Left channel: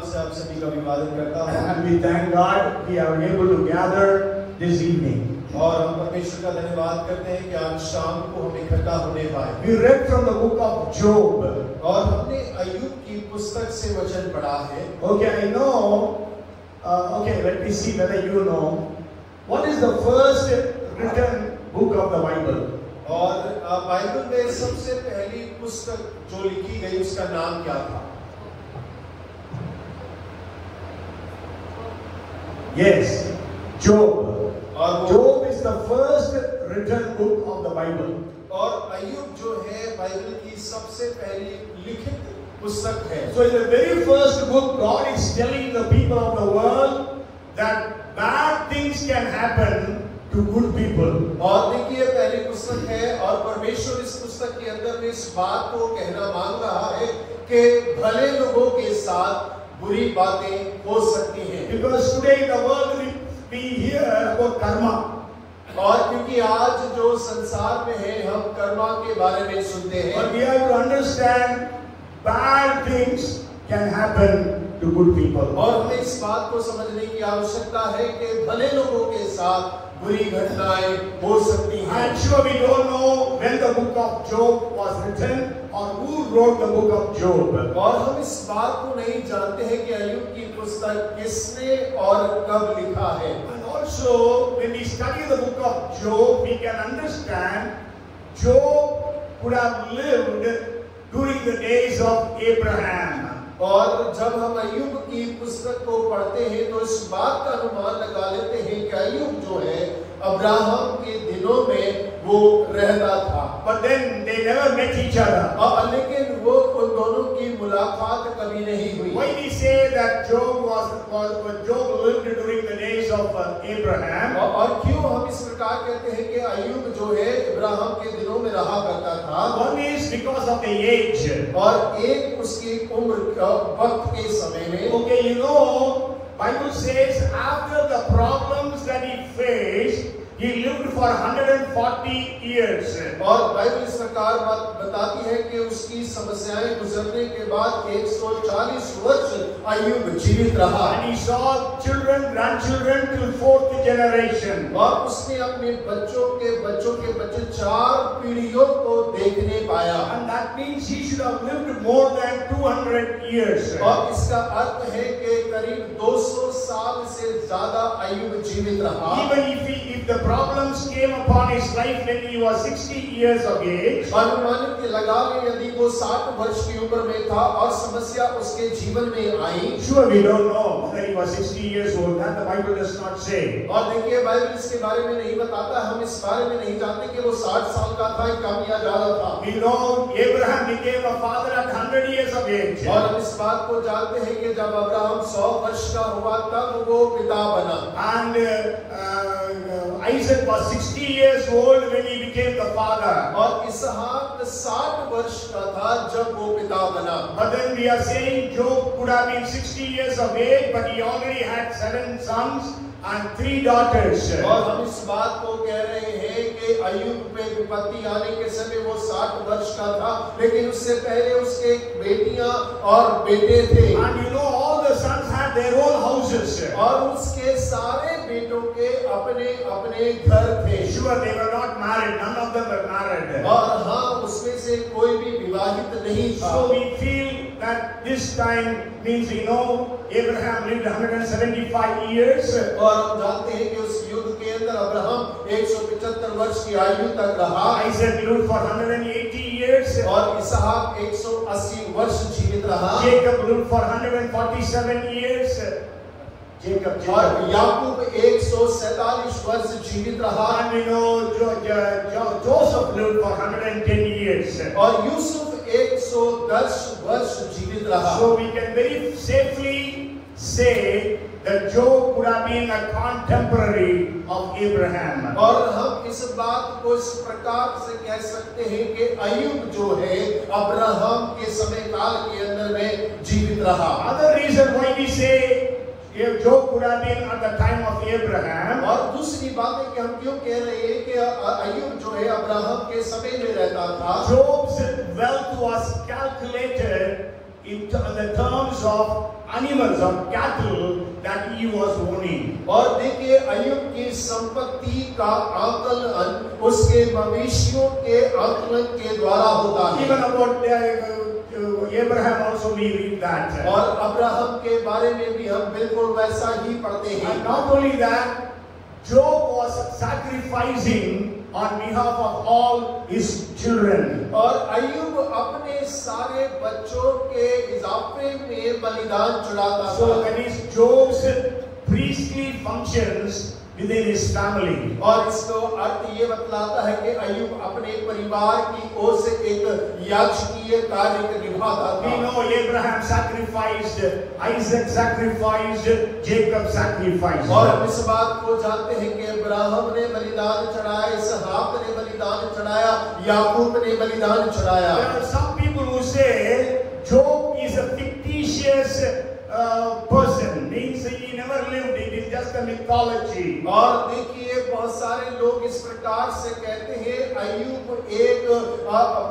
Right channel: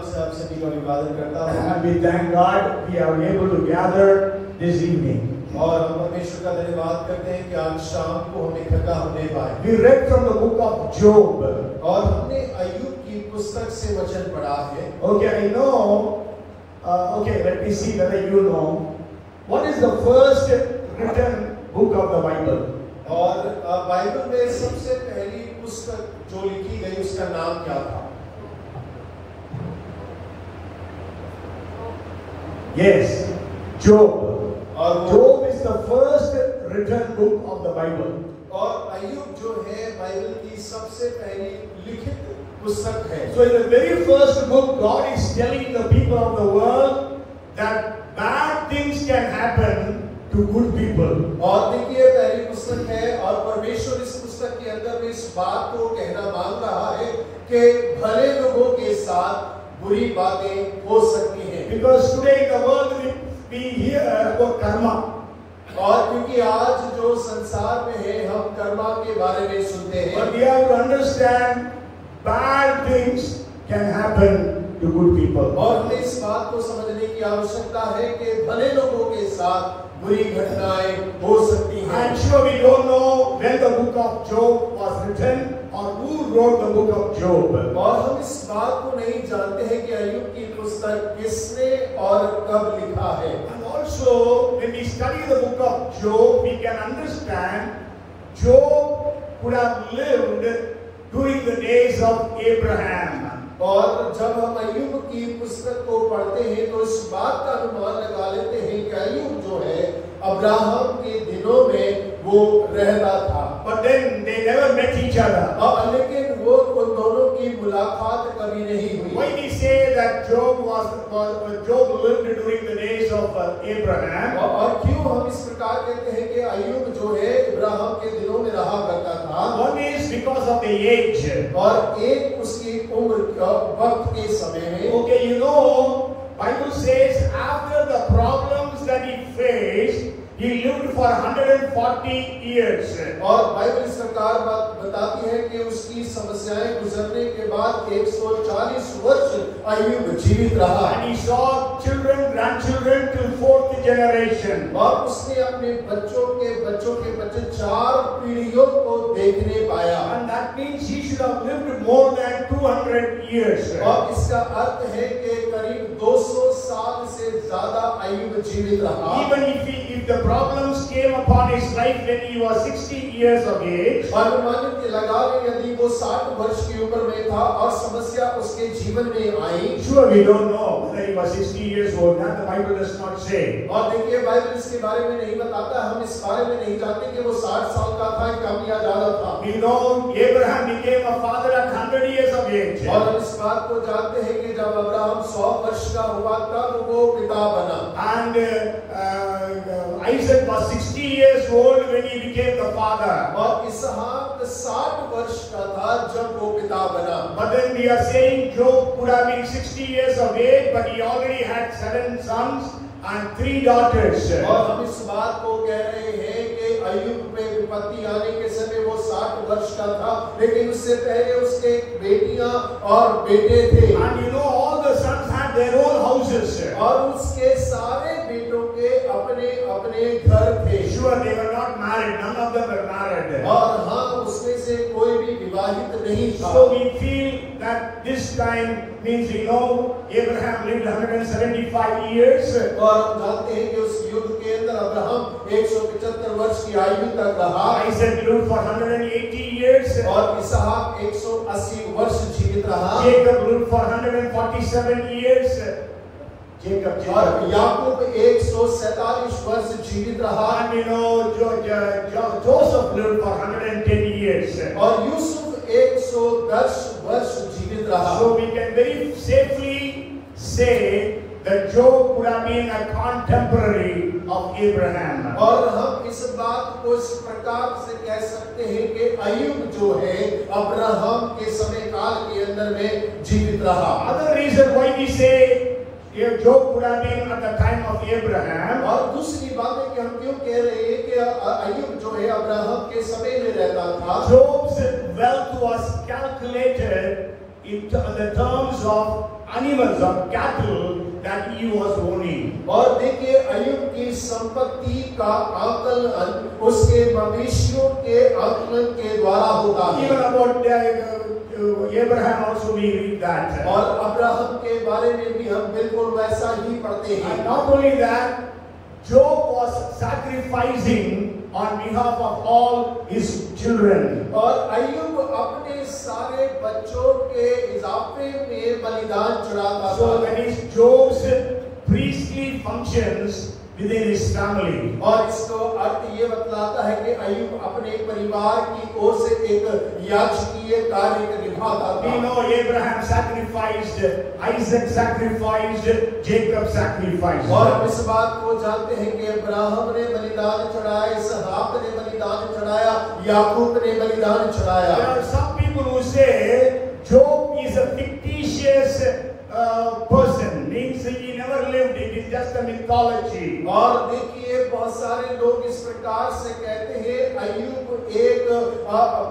नाम से आप सभी का अभिवादन करता हूँ। And we thank God we are able to gather this evening. और हम परमेश्वर का धन्यवाद करते हैं कि आज शाम को हम इकट्ठा होने पाए। We read from the book of Job. और हमने अय्यूब की पुस्तक से वचन पढ़ा है। Okay, I know. Okay, let me see whether you know. What is the first written book of the Bible? और बाइबल में सबसे पहली पुस्तक जो लिखी गई उसका नाम क्या था? Yes, Job. और Job is the first written book of the Bible. और अय्यूब जो है बाइबल की सबसे पहली लिखित पुस्तक है। So in the very first book, God is telling the people of the world that bad things can happen to good people. और देखिए पहली पुस्तक है और परमेश्वर इस पुस्तक के अंदर में इस बात को कहना मांग रहा है कि भले लोगों के साथ बुरी बातें हो सकती हैं। Because today in the world we hear about karma. और क्योंकि आज जो संसार में है हम कर्मा के बारे में सुनते हैं। But we have to understand bad things can happen to good people. और हमें इस बात को समझने की आवश्यकता है कि भले लोगों के साथ बुरी घटनाएं हो सकती हैं। I'm sure we don't know when the book of Job was written or who wrote the book of Job. और हम इस बात को नहीं जानते हैं कि अय्यूब की पुस्तक किसने और कब लिखा है। And also when we study the book of Job, we can understand Job could have lived during the days of Abraham. और जब हम अय्यूब की पुस्तक को पढ़ते हैं तो इस बात का अनुमान लगा लेते हैं कि अय्यूब जो है अब्राहम के दिनों में वो रहता था। But then they never met each other. और लेकिन वो उन दोनों की मुलाकात कभी नहीं हुई। Why we say that Job lived during the days of Abraham? और क्यों हम इस प्रकार कहते हैं कि अय्यूब जो है अब्राहम के दिनों में रहा करता था? One is because of the age. और एक उसकी उम्र वक्त के समय में। Okay, you know, Bible says after the problems that he faced, he lived for 140 years. और बाइबल इस प्रकार बताती है कि उसकी समस्याएं गुजरने के बाद 140 वर्ष अय्यूब जीवित रहा। And he saw children, grandchildren till fourth generation. और उसने अपने बच्चों के बच्चे 4 पीढ़ियों को देखने पाया। And that means he should have lived more than 200 years. और इसका अर्थ है कि करीब 200 साल से ज्यादा अय्यूब जीवित रहा। Even if the problems came upon his life when he was 60 years of age, अनुमानित लगा लें यदि वो 60 वर्ष की उम्र में था और समस्या उसके जीवन में आई। sure we don't know whether he was 60 years old. That the Bible does not say. और देखिए बाइबल इसके बारे में नहीं बताता। हम इस बारे में नहीं जानते कि वो 60 साल का था या कम या ज्यादा था। We know Abraham became a father at 100 years of age. और हम इस बात को जानते हैं कि जब अब्राहम 100 वर्ष का हुआ तब वो पिता बना। And Isaac was 60 years old when he became the father. और इसहाक 60 वर्ष का था जब वो पिता बना। But then we are saying Job could have been 60 years of age, but he already had 7 sons and 3 daughters. और हम इस बात को कह रहे हैं कि अय्यूब पे विपत्ति आने के समय वो 60 वर्ष का था, लेकिन उससे पहले उसके बेटियां और बेटे थे। And you know all the sons had their own houses. और उसके सारे बेटों के अपने अपने घर थे। Sure, they were not married. None of them were married. और हाँ, उसमें से कोई भी विवाहित नहीं था। So we feel that this time means, you know, Abraham lived 175 years. और हम जानते हैं कि उस युग के अंदर अब्राहम 175 वर्ष की आयु तक रहा। Isaac lived for 180 years. और इसहाक 180 वर्ष जीवित रहा। Jacob lived for 147 years. और याकूब 147 वर्ष जीवित रहा। And you know, Joseph lived for 110 years. और यूसुफ 110 वर्ष जीवित रहा। So we can very safely say that Job would have been a contemporary of Abraham. और हम इस बात को इस प्रकार से कह सकते हैं कि अय्यूब जो है अब्राहम के समय काल के अंदर में जीवित रहा। Other reason why we say Job would have been at the time of Abraham. और दूसरी बात है कि हम क्यों कह रहे हैं कि अय्यूब जो है अब्राहम के समय में रहता था। Job's wealth was calculated in the terms of animals or cattle that he was owning. और देखिए अय्यूब की संपत्ति का आकलन उसके मवेशियों के आकलन के द्वारा होता है। Even about Abraham also we read that. और अब्राहम के बारे में भी हम बिल्कुल वैसा ही पढ़ते हैं। And not only that, Job was sacrificing on behalf of all his children. और अय्यूब अपने सारे बच्चों के इजाफे में बलिदान चढ़ाता था। So that is Job's priestly functions within his family. और इसको अर्थ ये बतलाता है कि अय्यूब अपने परिवार की ओर से एक याजकीय कार्य निभाता था। We know Abraham sacrificed, Isaac sacrificed, Jacob sacrificed. और इस बात को जानते हैं कि अब्राहम ने बलिदान चढ़ाया, इसहाक ने बलिदान चढ़ाया, याकूब ने बलिदान चढ़ाया। There are some people who say Job is a fictitious person, means he never lived, it is just a mythology. और देखिए बहुत सारे लोग इस प्रकार से कहते हैं अय्यूब एक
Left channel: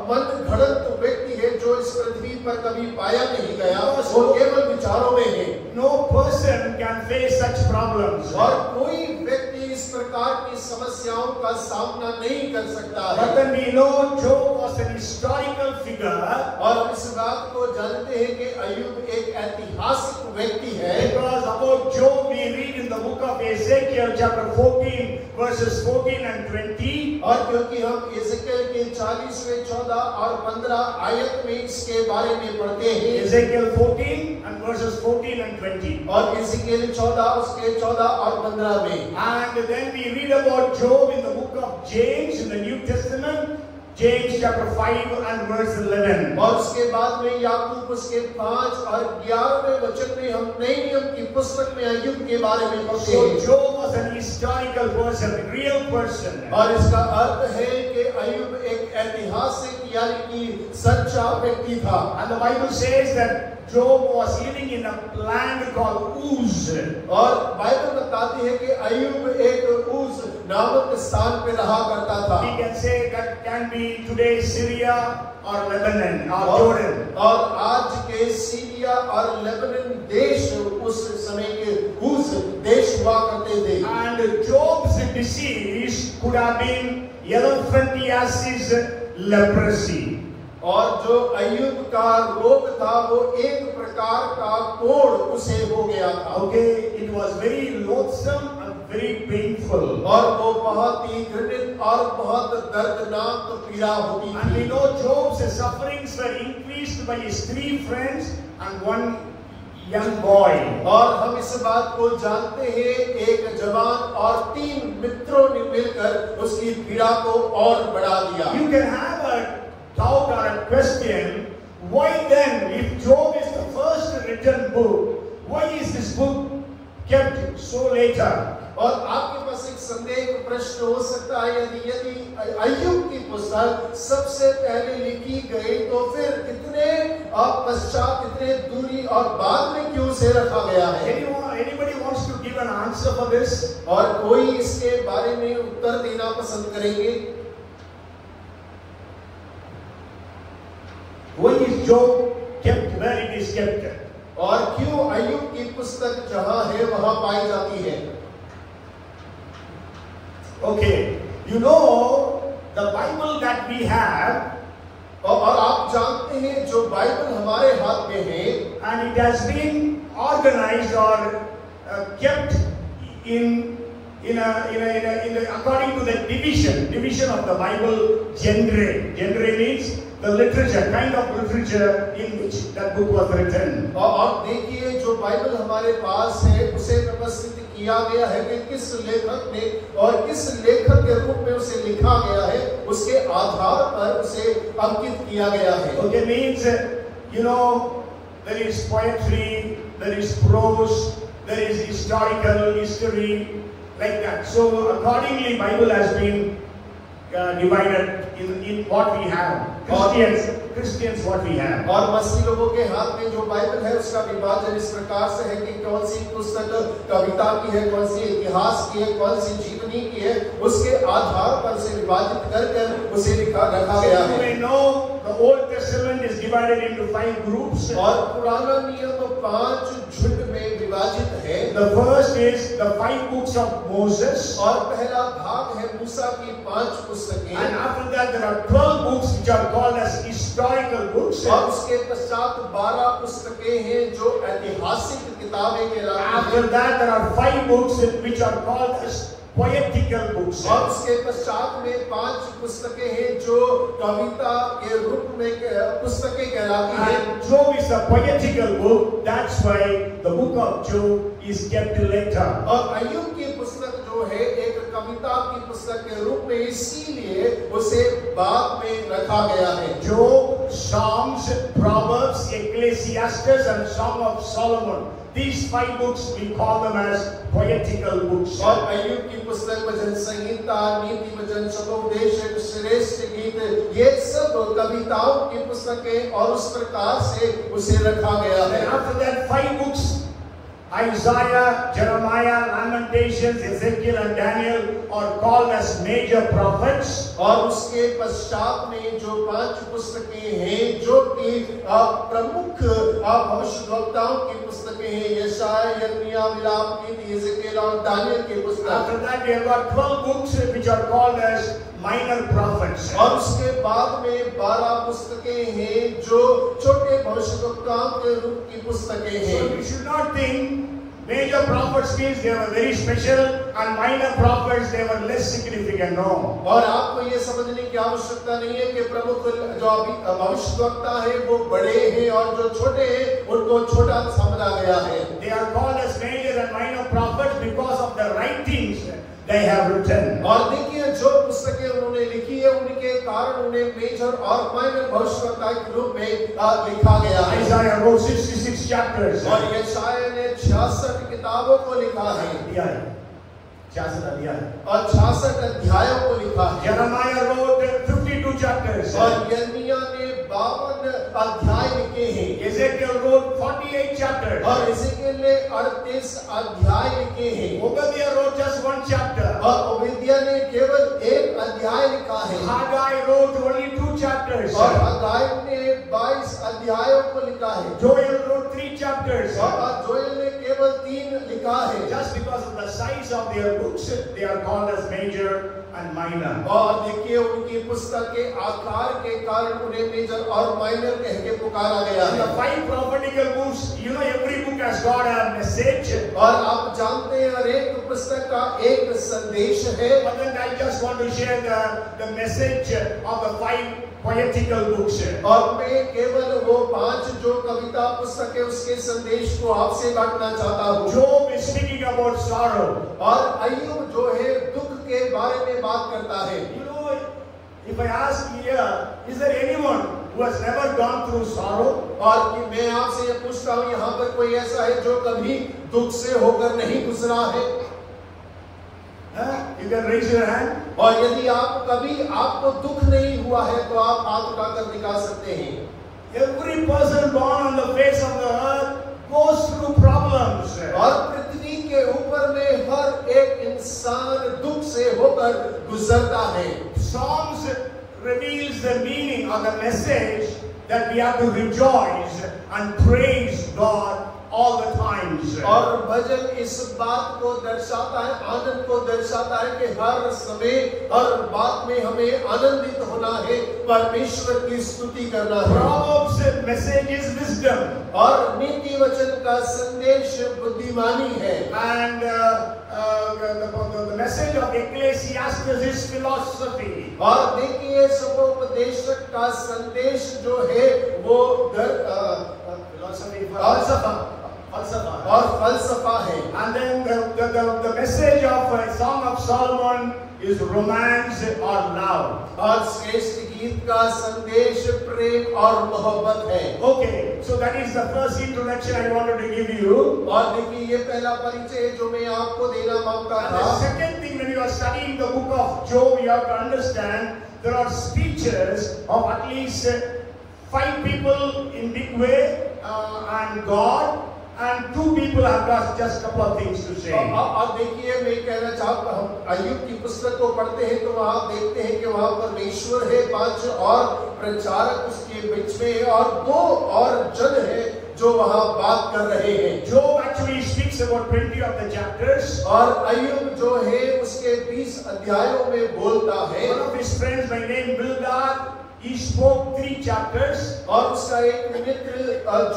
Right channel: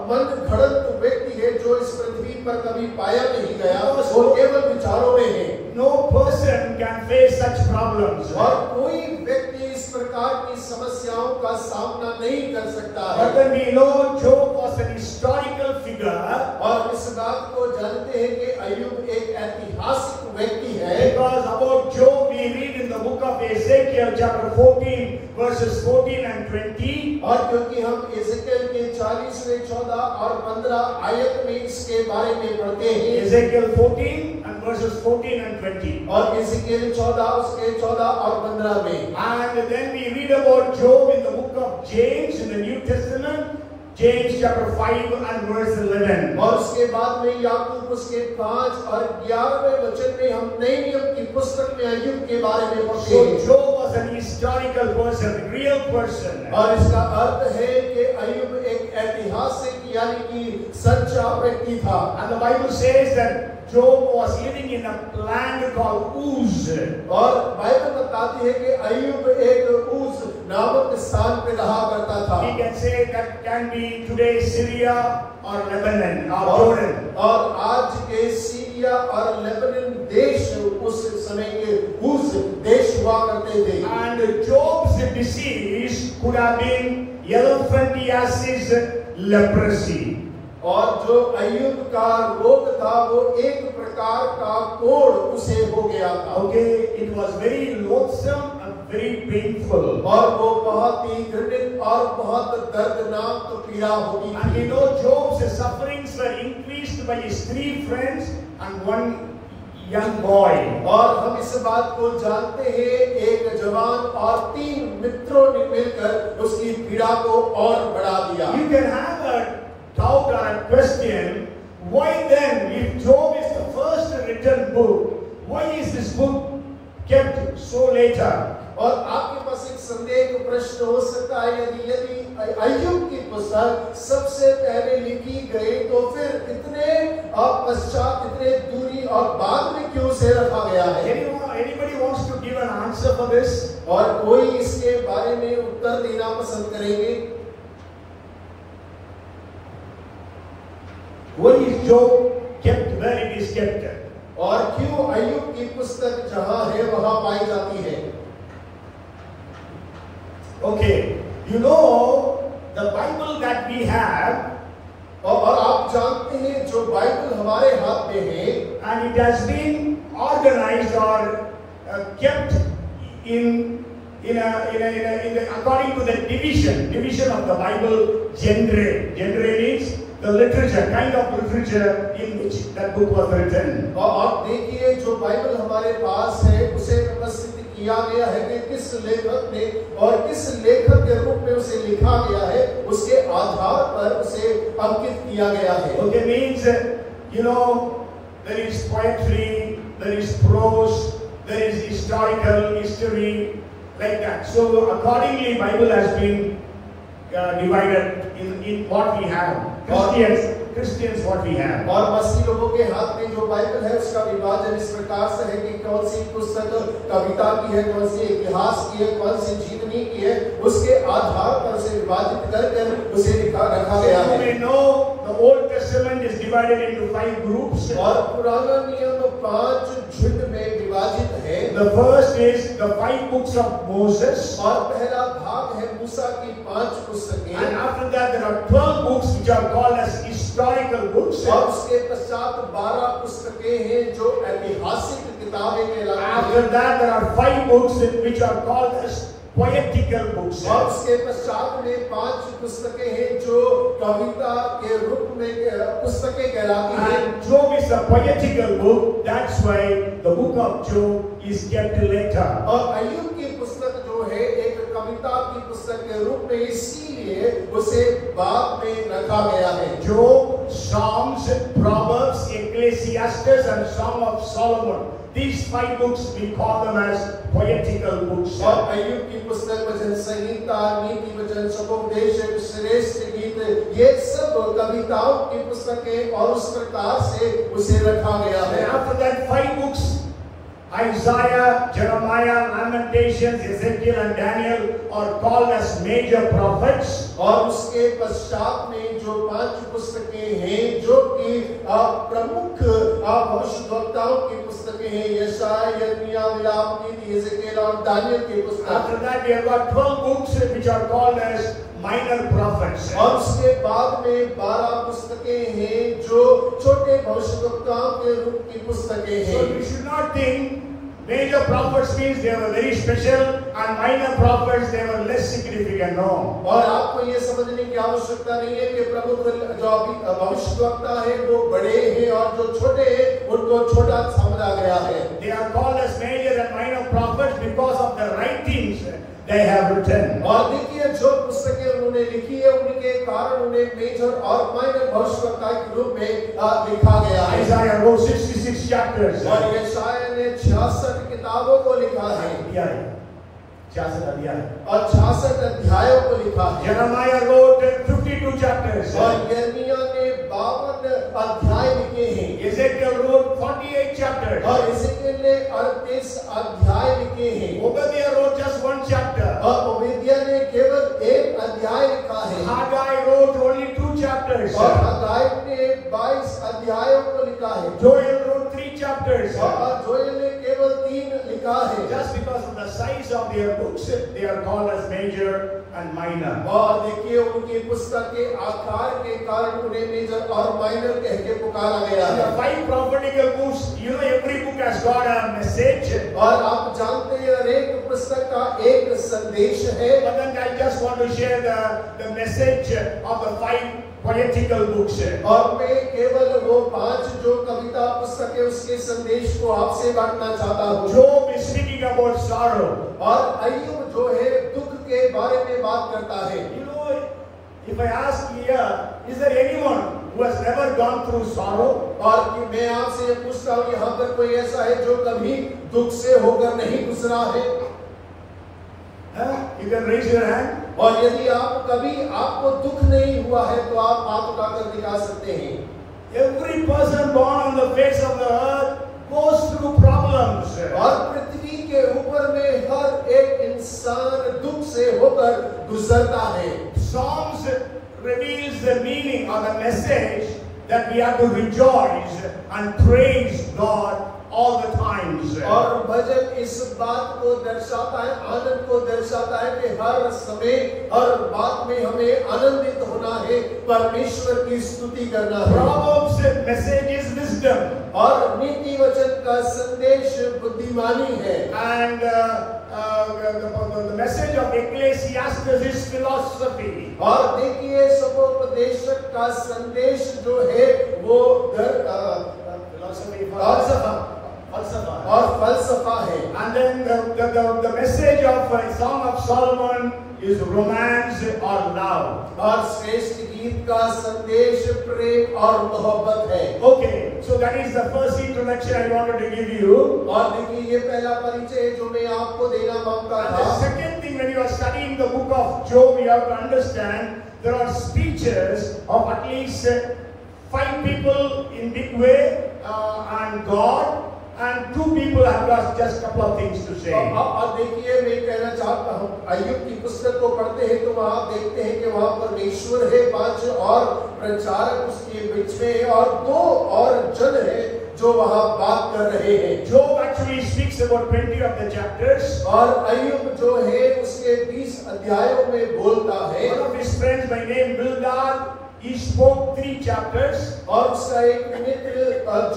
मन घड़ंत व्यक्ति है जो इस पृथ्वी पर कभी पाया नहीं गया, वो केवल विचारों में है। No person can face such problems. और कोई व्यक्ति इस प्रकार की समस्याओं का सामना नहीं कर सकता है। But then we know Job was an historical figure. और इस बात को जानते हैं कि अय्यूब एक ऐतिहासिक व्यक्ति है। Because about Job we read in the book of Ezekiel chapter 14 verses 14 and 20. और क्योंकि हम एजेकियल के 40वें 14 और 15 आयत में इसके बारे में पढ़ते हैं। Ezekiel 14 and verses 14 and 20. और एजेकियल 14 उसके 14 और 15 में। And then we read about Job in the book of James in the New Testament. James chapter 5 and verse 11. और उसके बाद में याकूब उसके 5 और 11वें वचन में हम नए नियम की पुस्तक में अय्यूब के बारे में पढ़ते So हैं। Job was an historical person, a real person. और इसका अर्थ है कि अय्यूब एक ऐतिहासिक यानी कि सच्चा व्यक्ति था। And the Bible says that Job was living in a land called Uz. और बाइबल बताती है कि अय्यूब एक उस नामक स्थान पे रहा करता था। We can say that can be today Syria or Lebanon or Jordan. और आज के सीरिया और लेबनान देश उस समय के उस देश हुआ करते थे। And Job's disease could have been elephantiasis, leprosy. और जो अय्यूब का रोग था वो एक प्रकार का कोढ़ उसे हो गया था। Okay, it was very loathsome and very painful. और वो बहुत ही घृणित और बहुत दर्दनाक पीड़ा होती And we थी। know Job's sufferings were increased by his 3 friends and 1 young boy. और हम इस बात को जानते हैं एक जवान और 3 मित्रों ने मिलकर उसकी पीड़ा को और बढ़ा दिया। You can have a doubt or a question, why then, if Job is the first written book, why is this book kept so later? और आपके पास एक संदेह प्रश्न हो सकता है यदि अय्यूब की पुस्तक सबसे पहले लिखी गई तो फिर इतने पश्चात इतने दूरी और बाद में क्यों से रखा गया है? Anybody wants to give an answer for this? और कोई इसके बारे में उत्तर देना पसंद करेंगे? Why is Job kept where it is kept? और क्यों अय्यूब की पुस्तक जहां है वहां पाई जाती है? Okay, you know the Bible that we have, और आप जानते हैं जो बाइबल हमारे हाथ में है, and it has been organized or kept in according to the division of the Bible genre. Genre means the literature, kind of literature in which that book was written. और आप देखिए जो बाइबल हमारे पास है उसे व्यवस्थित किया गया है कि किस लेखक ने और किस लेखक के रूप में उसे लिखा गया है, उसके आधार पर उसे अंकित किया गया है। Okay, means you know there is poetry, there is prose, there is historical history, like that. So accordingly, Bible has been divided in what we have. Christians what we have. और मसीही लोगों के हाथ में जो बाइबल है उसका विभाजन इस प्रकार से है कि कौन सी पुस्तक कविता की है, कौन सी इतिहास की है, कौन सी जीवनी की है, उसके आधार पर से विभाजित करके उसे रखा गया है। We know the Old Testament is divided into 5 groups. और पुराना नियम 5 झुंड में विभाजित है। The first is the 5 books of Moses. और पहला भाग है मूसा की 5 पुस्तकें। And after that there are 12 books which are called as historical books. और उसके पश्चात 12 पुस्तकें हैं जो ऐतिहासिक किताबें कहलाती हैं। After that there are 5 books which are called as poetical books. और उसके पश्चात में 5 पुस्तकें हैं जो कविता के रूप में पुस्तकें कहलाती हैं। And Job is a poetical book. That's why the book of Job is kept later. और अय्यूब की पुस्तक जो है एक कविता की पुस्तक के रूप में, इसीलिए उसे बाद में रखा गया है। Job, Psalms, Proverbs, Ecclesiastes, and Song of Solomon. These 5 books we call them as poetical books. और अय्यूब की पुस्तक, भजन संहिता, नीति वचन, शब्दोपदेश, श्रेष्ठ गीत, ये सब कविताओं की पुस्तकें और उस प्रकार से उसे रखा गया है। And after that 5 books, Isaiah, Jeremiah, Lamentations, Ezekiel, and Daniel are called as major prophets. और उसके पश्चात में जो 5 पुस्तकें हैं जो कि प्रमुख भविष्यवक्ताओं की पुस्तकें हैं, यशायाह, यिर्मयाह, विलाप, नीति, एजेकिएल और दानियल की पुस्तक। After that we have got 12 books which are called as minor prophets. और उसके बाद में 12 पुस्तकें हैं जो छोटे भविष्यवक्ताओं के रूप की पुस्तकें हैं। So you should not think major prophets means they were very special and minor prophets they were less significant. No. और आपको ये समझने की आवश्यकता नहीं है कि प्रमुख जो अभी भविष्यवक्ता है वो बड़े हैं और जो छोटे हैं उनको छोटा समझा गया है। They are called as major and minor prophets because of the writings they have written. और देखिए जो पुस्तकें उन्होंने लिखी है उनके कारण उन्हें मेजर और माइनर भविष्यवक्ता के रूप में लिखा गया है। Isaiah wrote 66 chapters. और यशायाह ने 66 किताबों को लिखा है। 66 अध्याय। और 66 अध्यायों को लिखा है। Jeremiah wrote 52 chapters. और यिर्मयाह ने 52 अध्याय लिखे हैं। Ezekiel wrote 48 chapters. और एजेकिएल ने 38 अध्याय लिखे हैं। Obadiah wrote just 1 chapter. और ओबदिय्याह ने केवल 1 अध्याय लिखा है। Haggai wrote only 2 chapters. और हग्गाई ने 22 अध्यायों को लिखा है। Joel wrote 3 chapters. और जोएल ने केवल 3 लिखा है। Just because of the size of their books, they are called as major and minor. और देखिए उनकी पुस्तक के आकार के कारण उन्हें मेजर और माइनर कह के पुकारा गया है। The 5 prophetical books, you know, every book has got a message. और आप जानते हैं हर एक पुस्तक का एक संदेश है। But then I just want to share the message of the 5 poetical books. और मैं केवल वो 5 जो कविता पुस्तक है उसके संदेश को आपसे बांटना चाहता हूँ। Job is speaking about sorrow. और अय्यूब जो है दुख के बारे में बात करता है। You know, if I ask here, is there anyone who has never gone through sorrow? और कि मैं आपसे ये पूछता हूँ, यहाँ पर कोई ऐसा है जो कभी दुख से होकर नहीं गुजरा है? You can raise your hand. और यदि आप कभी आपको दुख नहीं हुआ है तो आप हाथ उठाकर दिखा सकते हैं। Every person born on the face of the earth goes through problems. और पृथ्वी के ऊपर में हर एक इंसान दुख से होकर गुजरता है। Psalms reveals the meaning or the message that we have to rejoice and praise God all the times. और भजन इस बात को दर्शाता है, आनंद को दर्शाता है कि हर समय हर बात में हमें आनंदित होना है, परमेश्वर की स्तुति करना है। Proverbs message is wisdom. और नीति वचन का संदेश बुद्धिमानी है। And the message of Ecclesiastes is philosophy. और देखिए सपोपदेशक का संदेश जो है वो और फलसफा है। And then the message of Song of Solomon is romance or love. और श्रेष्ठ गीत का संदेश प्रेम और मोहब्बत है। Okay, so that is the first introduction I wanted to give you. और देखिए ये पहला परिचय है जो मैं आपको देना मांगता And था। the second thing, when you are studying the book of Job, you have to understand there are speeches of at least 5 people in big way and God, And two people have got just a couple of things to say. अब देखिए, मैं कहना चाहता हूँ, अय्यूब की पुस्तक को पढ़ते हैं तो वहाँ देखते हैं कि वहाँ परमेश्वर है, 5 और प्रचारक उसके बीच में, और 2 और जन है जो वहाँ बात कर रहे हैं। Job actually speaks about 20 of the chapters. और अय्यूब जो है उसके 20 अध्यायों में बोलता है। One of his friends by name Bildad, he spoke 3 chapters. और उसका एक मित्र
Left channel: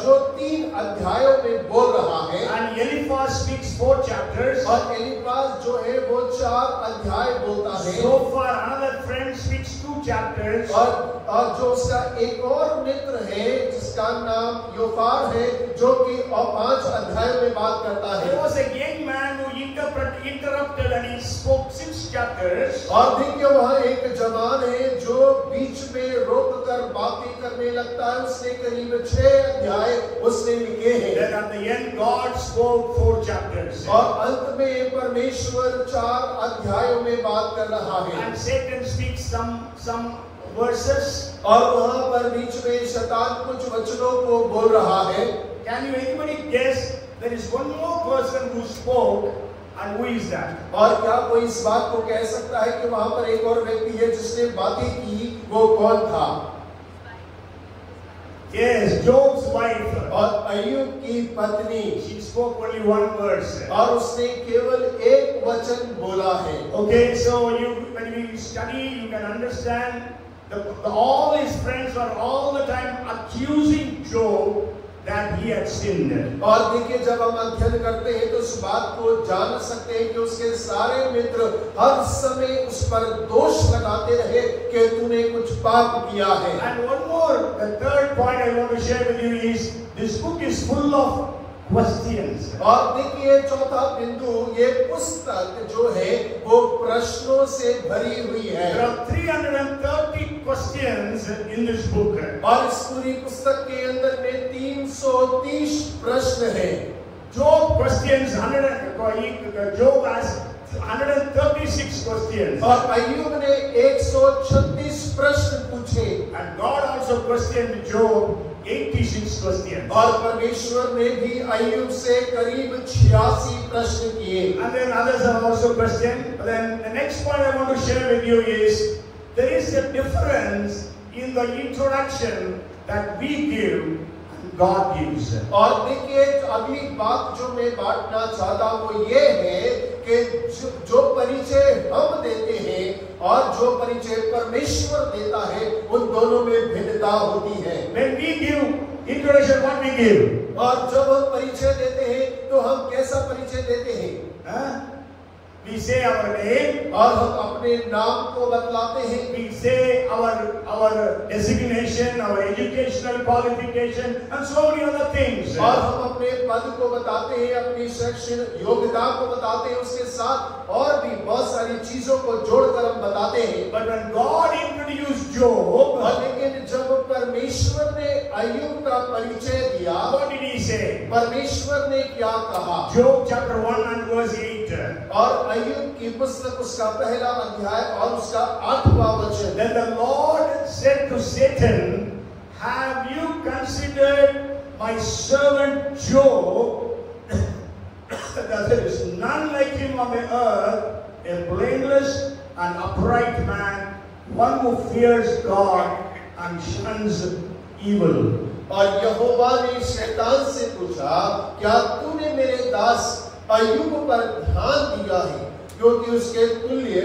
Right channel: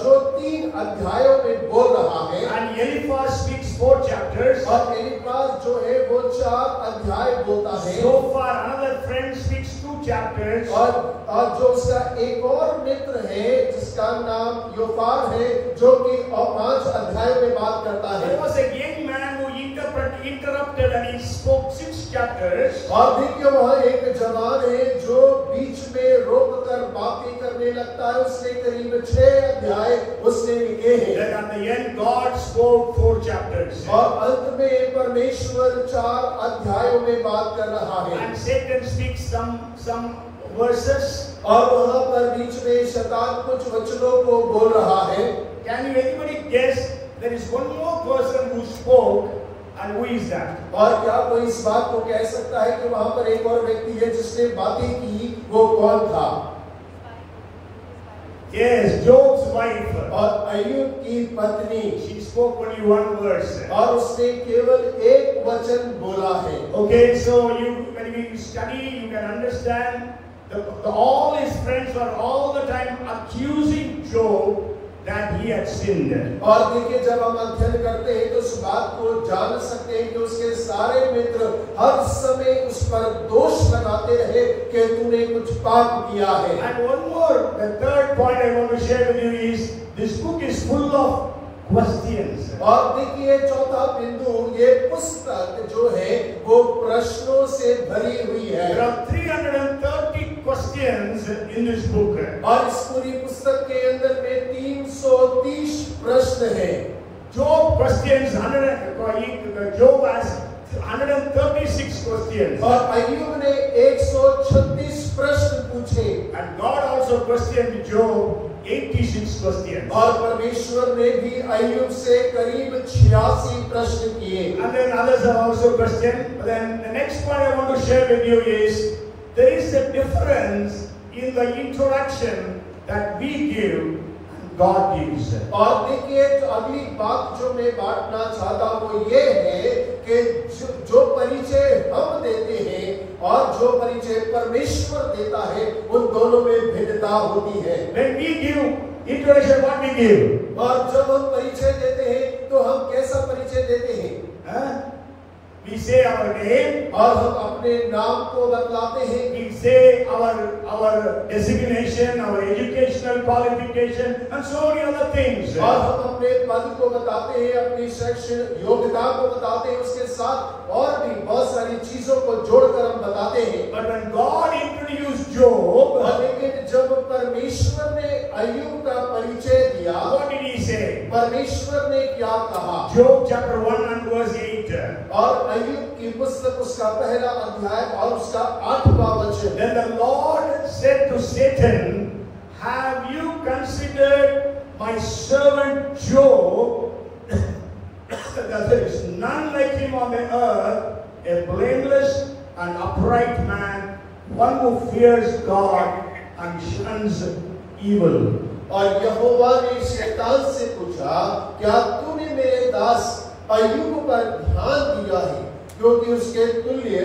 जो 3 अध्यायों में बोल रहा है। And Eliphaz speaks 4 chapters. और एलीफाज जो है वो 4 अध्याय बोलता है। Zophar, another friend, speaks 2 chapters. और जो उसका एक और मित्र है जिसका नाम योफार है, जो कि 5 अध्यायों में बात करता है। There was a young man who interrupted and he spoke 6 chapters. और देखिए, वहाँ एक जवान है जो बीच में रोक कर बातें करने लगता है। उसने करीब 6 अध्याय उसने लिखे हैं। Then at the end God spoke 4 chapters. और अंत में परमेश्वर 4 अध्यायों में बात कर रहा है। And Satan speaks some verses. और वहाँ पर बीच में शैतान कुछ वचनों को बोल रहा है। Can you anybody guess there is one more person who spoke, and who is that? और क्या कोई इस बात को कह सकता है कि वहाँ पर एक और व्यक्ति है जिसने बातें की, वो कौन था? Yes, Job's wife. और अय्यूब की पत्नी। She spoke only 1 verse. और उसने केवल एक वचन बोला है। Okay, so when you study, you can understand all his friends were all the time accusing Job that he had sinned. और देखिए, जब हम अध्ययन करते हैं तो इस बात को जान सकते हैं कि उसके सारे मित्र हर समय उस पर दोष लगाते रहे कि तूने कुछ पाप किया है। And one more, the third point I want to share with you is this book is full of questions. और देखिए, चौथा बिंदु, ये पुस्तक जो है वो प्रश्नों से भरी हुई है। There are 330 questions in this book. और इस पूरी पुस्तक के अंदर में 330 प्रश्न हैं। Job questions Job has 136 questions. और अय्यूब ने 136 प्रश्न पूछे। And God also questioned Job 86 questions. और परमेश्वर ने भी अय्यूब से करीब 86 प्रश्न किए। And then others have also questioned. But then the next point I want to share with you is there is a difference in the introduction that we give and God gives. और देखिए, अगली बात जो मैं बांटना चाहता हूँ वो ये है कि जो परिचय हम देते हैं और जो परिचय परमेश्वर देता है, उन दोनों में भिन्नता होती है। When we give introduction, what we give? और जब हम परिचय देते हैं तो हम कैसा परिचय देते हैं? We say our name. और हम अपने नाम को बतलाते हैं। We say our designation, our educational qualification, and so many other things. और हम अपने पद को बताते हैं, अपनी शैक्षणिक योग्यता को बताते हैं, उसके साथ और भी बहुत सारी चीजों को जोड़कर हम बताते हैं। But when God introduced Job, लेकिन जब परमेश्वर ने अय्यूब का परिचय दिया, what did he say? परमेश्वर ने क्या कहा? Job chapter 1 and verse 8. और अय्यूब की पुस्तक उसका पहला अध्याय और उसका 8वां वचन। Then the Lord said to Satan, have you considered my servant Job, that there is none like him on the earth, a blameless and upright man, one who fears God and shuns evil. और यहोवा ने शैतान से पूछा, क्या तूने मेरे दास अय्यूब पर ध्यान दिया है, क्योंकि उसके तुल्य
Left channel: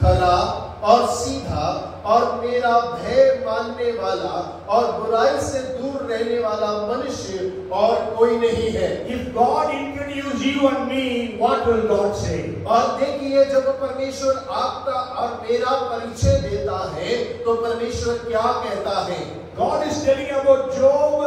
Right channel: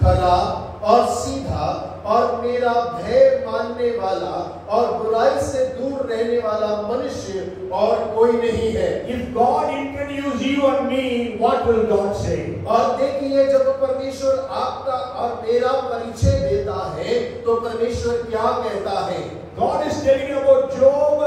खरा और सीधा और मेरा भय मानने वाला और बुराई से दूर रहने वाला मनुष्य और कोई नहीं है। If God introduce you and me, what will God say? और देखिए, जब परमेश्वर आपका और मेरा परिचय देता है तो परमेश्वर क्या कहता है? God is telling about Job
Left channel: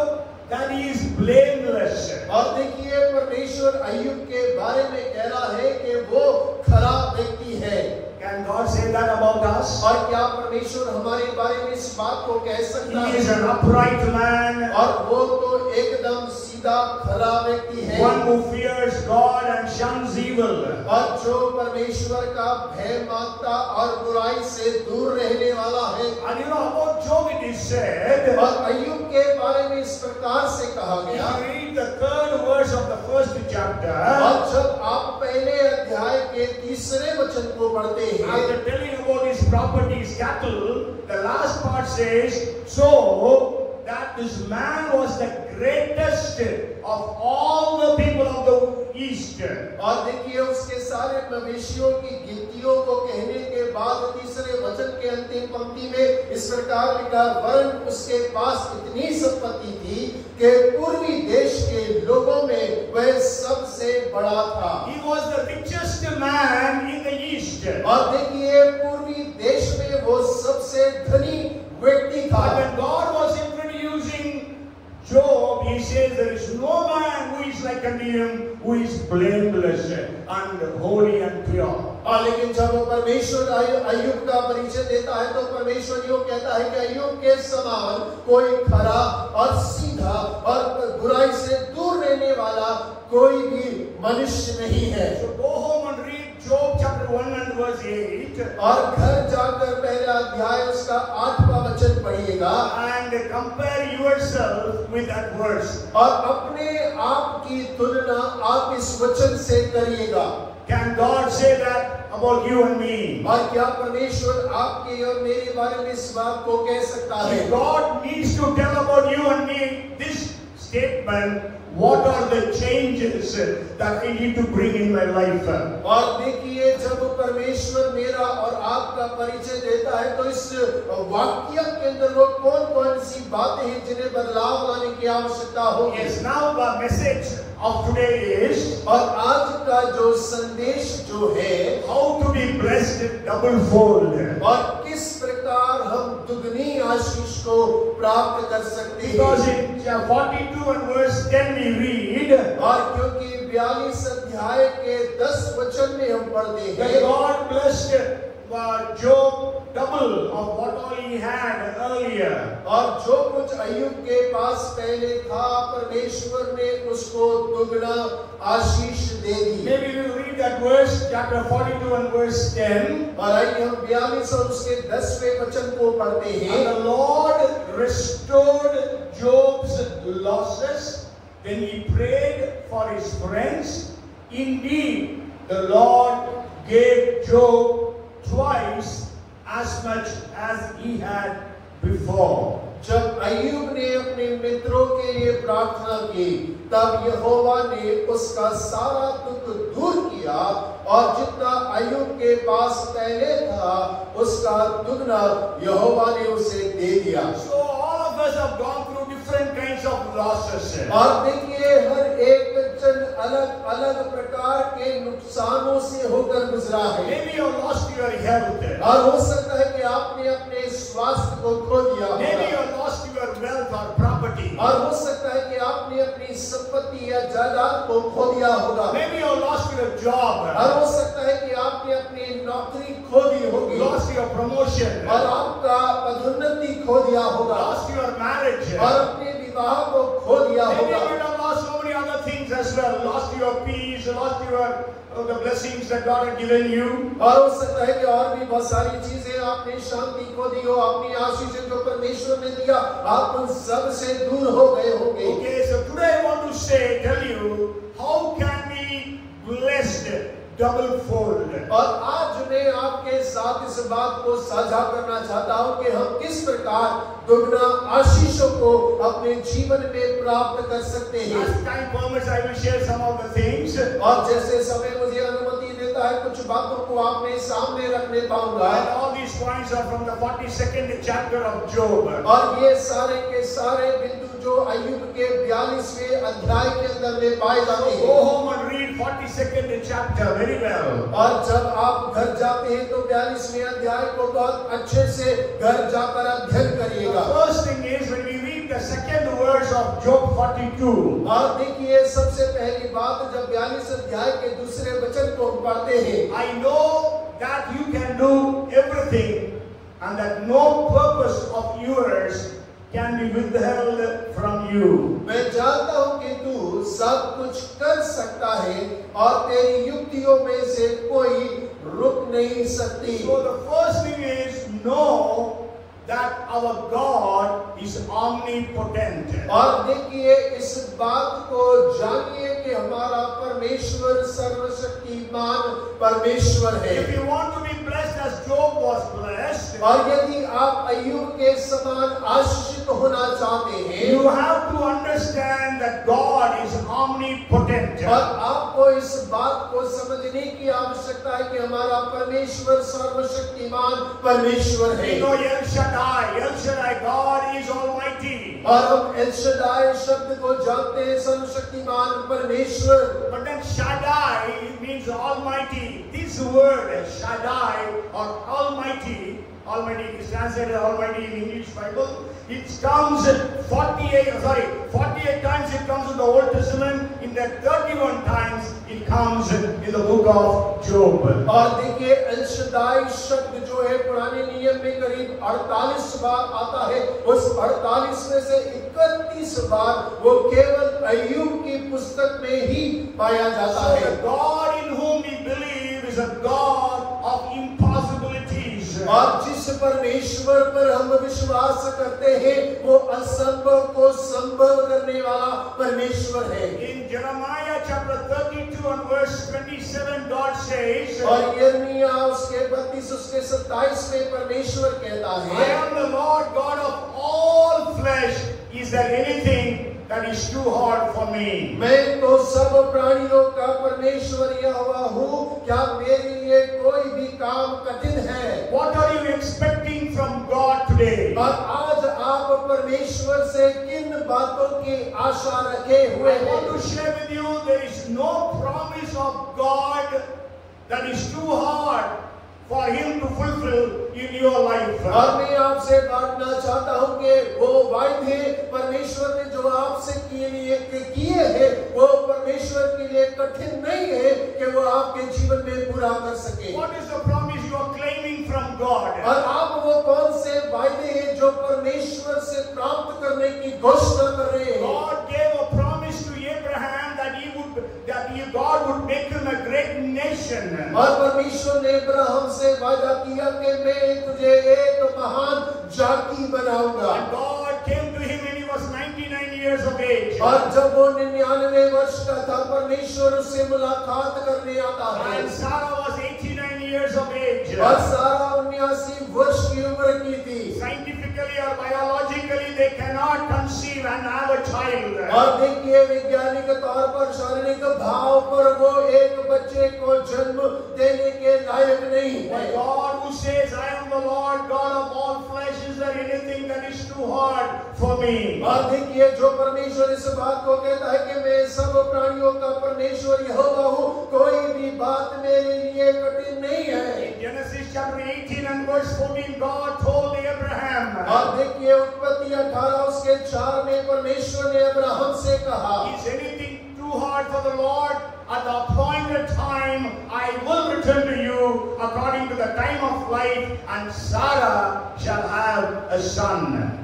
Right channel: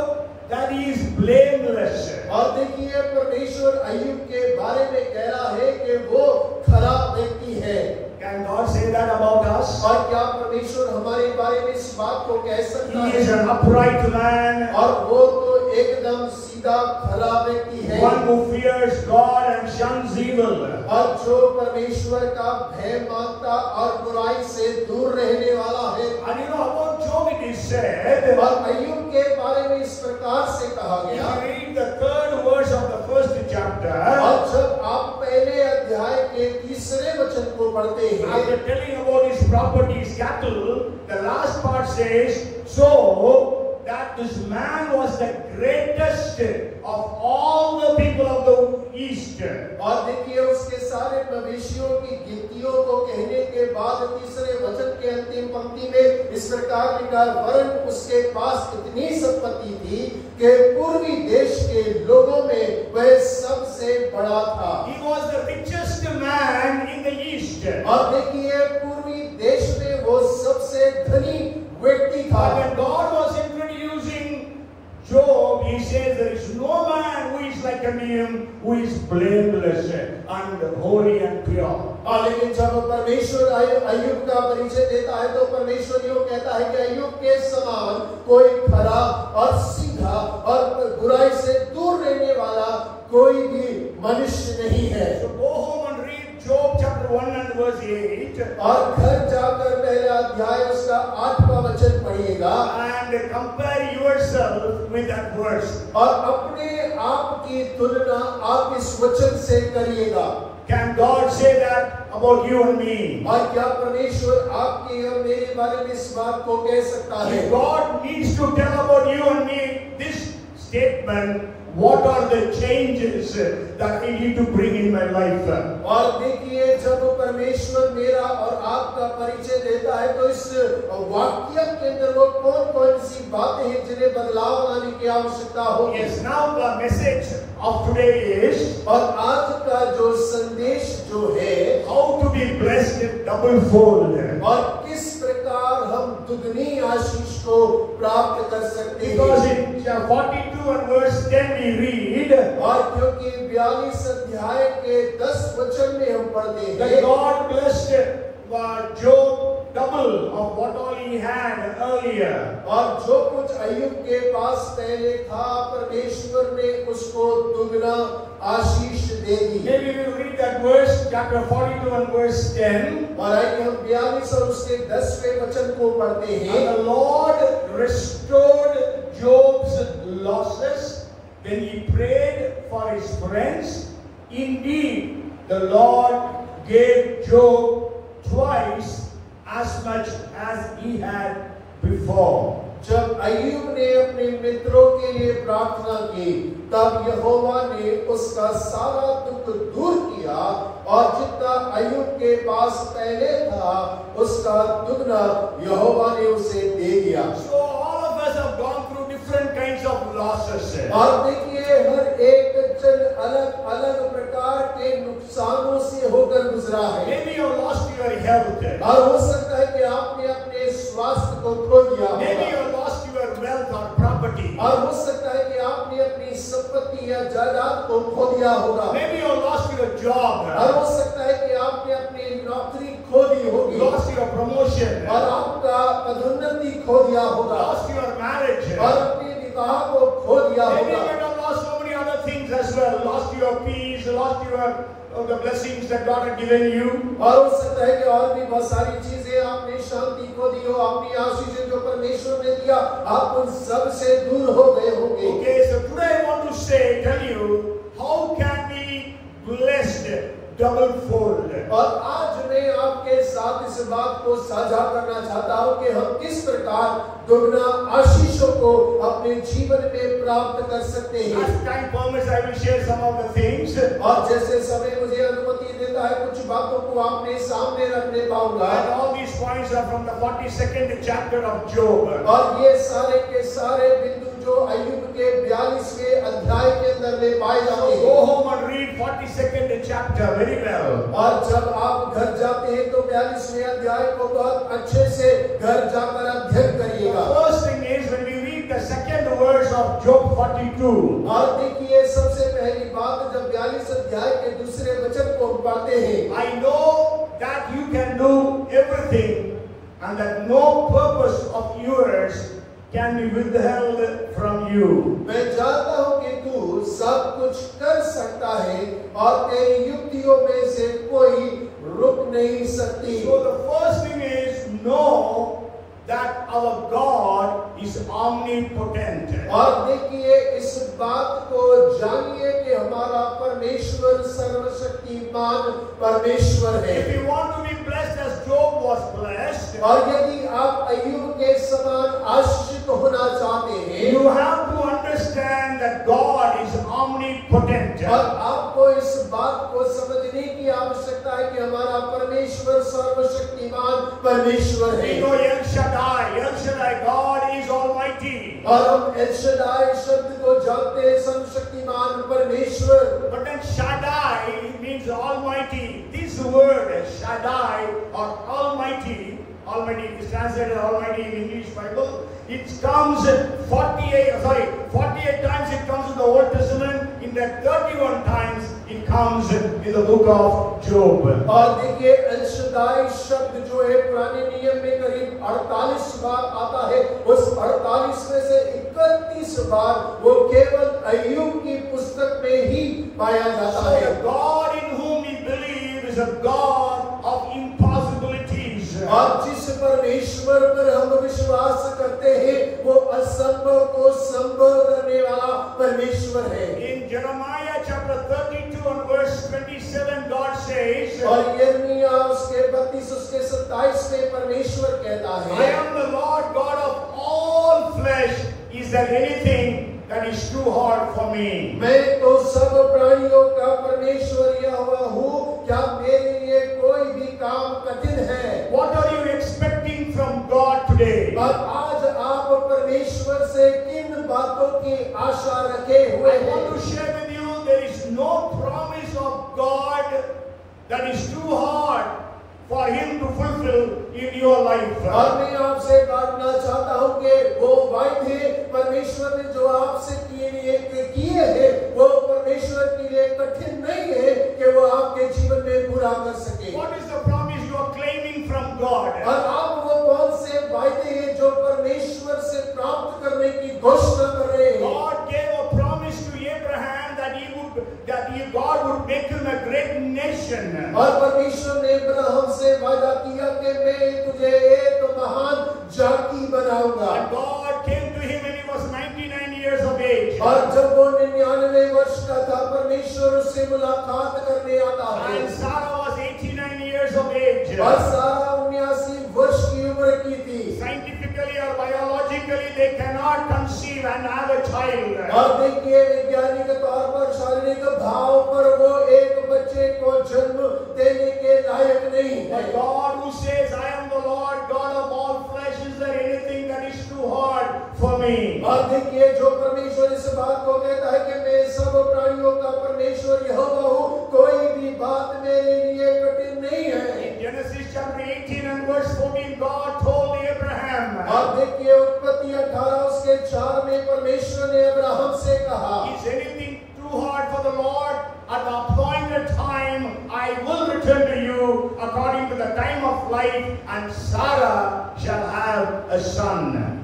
that he is blameless. और देखिए, परमेश्वर अय्यूब के बारे में कह रहा है कि वो खराब व्यक्ति है। Can God say that about us? और क्या परमेश्वर हमारे बारे में इस बात को कह सकता है? He is an upright man. और वो तो एकदम सीधा खरा व्यक्ति है। One who fears God and shuns evil. और जो परमेश्वर का भय मानता और बुराई से दूर रहने वाला है। And you know about Job it is said. और अय्यूब के बारे में इस प्रकार से कहा गया। If you read the 3rd verse of the first chapter, और जब आप पहले अध्याय के तीसरे वचन को पढ़ते हैं, after telling about his properties, cattle, the last part says, so that this man was the greatest of all the people of the east. और देखिए उसके सारे मवेशियों की गिनतियों को कहने के बाद तीसरे वचन के अंतिम पंक्ति में इस प्रकार लिखा, वरन उसके पास इतनी संपत्ति थी कि पूर्वी देश के लोगों में वह सबसे बड़ा था। He was the richest man in the east. और देखिए पूर्वी देश में वो सबसे धनी व्यक्ति था। But when God was introducing Job, he says there is no man who is like unto him, who is blameless and holy and pure. लेकिन जब परमेश्वर अय्यूब का परिचय देता है तो परमेश्वर यूं कहता है कि अय्यूब के समान कोई खरा और सीधा और बुराई से दूर रहने वाला कोई भी मनुष्य नहीं है। So go home and read Job chapter 1 and verse 8. और घर जाकर पहला अध्याय उसका 8वां वचन पढ़िएगा and compare yourself with that verse. और अपने आप की तुलना आप इस वचन से करिएगा। Can God say that about you and me? और क्या परमेश्वर आपके और मेरे बारे में इस बात को कह सकता है? If God needs to tell about you and me this statement, what are the changes that I need to bring in my life? और देखिए जब परमेश्वर मेरा और आपका परिचय देता है तो इस वाक्य के अंदर वो कौन-कौन सी बातें हैं जिन्हें बदलाव लाने की आवश्यकता होगी। Yes, now the message of today is, और आज का जो संदेश जो है, how to be blessed double fold. और किस प्रकार हम दुगनी आशीष को प्राप्त कर सकते हैं। Because in 42 and verse 10 we read, और क्योंकि 42 अध्याय के 10 वचन में हम पढ़ते that हैं God blessed Job double of what all he had earlier. और जो कुछ अय्यूब के पास पहले था परमेश्वर ने उसको दुगना आशीष दे दी। Maybe we read that verse, chapter 42 and verse 10. और आइए हम 42 और उसके 10वें वचन को पढ़ते हैं। And the Lord restored Job's losses when he prayed for his friends. Indeed, the Lord gave Job twice as much as he had before. जब अय्यूब ने अपने मित्रों के लिए प्रार्थना की तब यहोवा ने उसका सारा दुख दूर किया और जितना अय्यूब के पास पहले था उसका दुगना यहोवा ने उसे दे दिया। So all of us have gone through different kinds of losses. और देखिए हर एक जन अलग-अलग प्रकार के नुकसानों से होकर गुजरा है। Maybe you lost your health. और हो सकता है कि आपने अपने स्वास्थ्य को खो दिया होगा। Maybe you lost your wealth or property. और हो सकता है कि आपने अपनी संपत्ति या जायदाद को खो दिया होगा। Maybe you lost your job. और हो सकता है कि आपने अपनी नौकरी खो दी होगी। Lost your promotion. और आपका पदोन्नति खो दिया होगा। Lost your marriage. और अपने विवाह को खो दिया Maybe you होगा। might have lost so many other things as well. Lost your peace, lost your the blessings that God had given you. और हो सकता है कि और भी बहुत सारी चीजें आपने शांति खो दी हो, अपनी आशीषें जो परमेश्वर ने दिया आप उन सब से दूर हो गए होंगे। Okay, so today I want to tell you, how can we blessed double fold? और आज मैं आपके साथ इस बात को साझा करना चाहता हूं कि हम किस प्रकार दुगना आशीषों को अपने जीवन में प्राप्त कर सकते हैं। As time permits, I will share some of the things. और जैसे समय मुझे अनुमति देता है कुछ बातों को आपने सामने रखने पाऊंगा। And all these points are from the 42nd chapter of Job. और ये सारे के सारे बिंदु जो अय्यूब के 42वें अध्याय के अंदर में पाए जाते हैं। Go home and read 42nd chapter very well. और जब आप घर जाते हैं तो 42वें अध्याय को बहुत अच्छे से घर जाकर अध्ययन करिएगा। First thing is when we read the second verse of Job 42. और देखिए सबसे पहली बात जब 42 अध्याय के दूसरे वचन को हम पढ़ते हैं। I know that you can do everything and that no purpose of yours can be withheld from you. मैं जानता हूं कि तू सब कुछ कर सकता है और तेरी युक्तियों में से कोई रुक नहीं सकती। So the first thing is know that our God is is omnipotent. और देखिए इस बात को जानिए कि हमारा परमेश्वर सर्वशक्तिमान परमेश्वर है। If you want to be blessed as Job was blessed, और यदि आप अय्यूब के समान आशीषित होना चाहते हैं, you have to understand that God is omnipotent. और आपको इस बात को समझने की आवश्यकता है कि हमारा परमेश्वर सर्वशक्तिमान परमेश्वर है। We know El Shaddai, God is almighty. और हम एल शद्दाई शब्द को जानते हैं, सर्वशक्तिमान परमेश्वर। But then Shaddai means almighty. This word Shaddai or almighty is translated almighty in English Bible. It comes 48 times it comes in the Old Testament. In the 31 times it comes in the book of Job. और देखिए L शद्दाई शब्द जो है पुराने नियम में करीब 48 बार आता है। उस 48 में से 31 बार वो केवल अय्यूब की पुस्तक में ही पाया जाता है। So the God in whom we believe is a God of impossibilities. और जिस परमेश्वर पर हम विश्वास करते हैं वो असंभव को संभव करने वाला परमेश्वर है। In Jeremiah chapter 32 and verse 27 God says, और यिर्मयाह उसके 32 उसके 27 में परमेश्वर कहता है, I am the Lord God of all flesh. Is there anything that is too hard for me? मैं तो सब प्राणियों का परमेश्वर यहोवा हूँ, क्या मेरे लिए कोई भी काम कठिन है? What are you expecting from God today? और आज आप परमेश्वर से किन बातों की आशा रखे हुए I हैं? want to share with you, there is no promise of God that is too hard for Him to fulfill in your life. और मैं आपसे बांटना चाहता हूँ कि वो वायदे परमेश्वर ने जो आपसे किए हैं वो परमेश्वर के लिए कठिन नहीं है कि वो आपके जीवन में पूरा कर सके। What is the promise you are claiming from God? और आप वो कौन से वायदे हैं जो परमेश्वर से प्राप्त करने की घोषणा कर रहे हैं? God gave a promise to Abraham that God would make him a great nation. और परमेश्वर ने अब्राहम से वादा किया कि मैं तुझे एक महान जाति बनाऊंगा। And God came to him when he was 99 years of age. और जब वो 99 वर्ष का था परमेश्वर उससे मुलाकात करने आता है। And Sarah was 89 years of age. और सारा 79 वर्ष की उम्र की थी। Scientifically or biologically they cannot conceive and have a child. और देखिए वैज्ञानिक तौर पर शारीरिक भाव पर वो एक बच्चे को जन्म देने के लायक नहीं है। But God who says, I am the Lord God of all flesh, is there anything that is too hard for me? और देखिए जो परमेश्वर इस बात को कहता है कि मैं सब प्राणियों का परमेश्वर यहोवा हूँ, कोई भी बात मेरे लिए कठिन नहीं है। In Genesis chapter 18 and verse 14, God told Abraham, और देखिए उत्पत्ति 18 उसके 4 में परमेश्वर ने अब्राहम से कहा, is anything too hard for the Lord? At the appointed time, I will return to you according to the time of life, and Sarah shall have a son.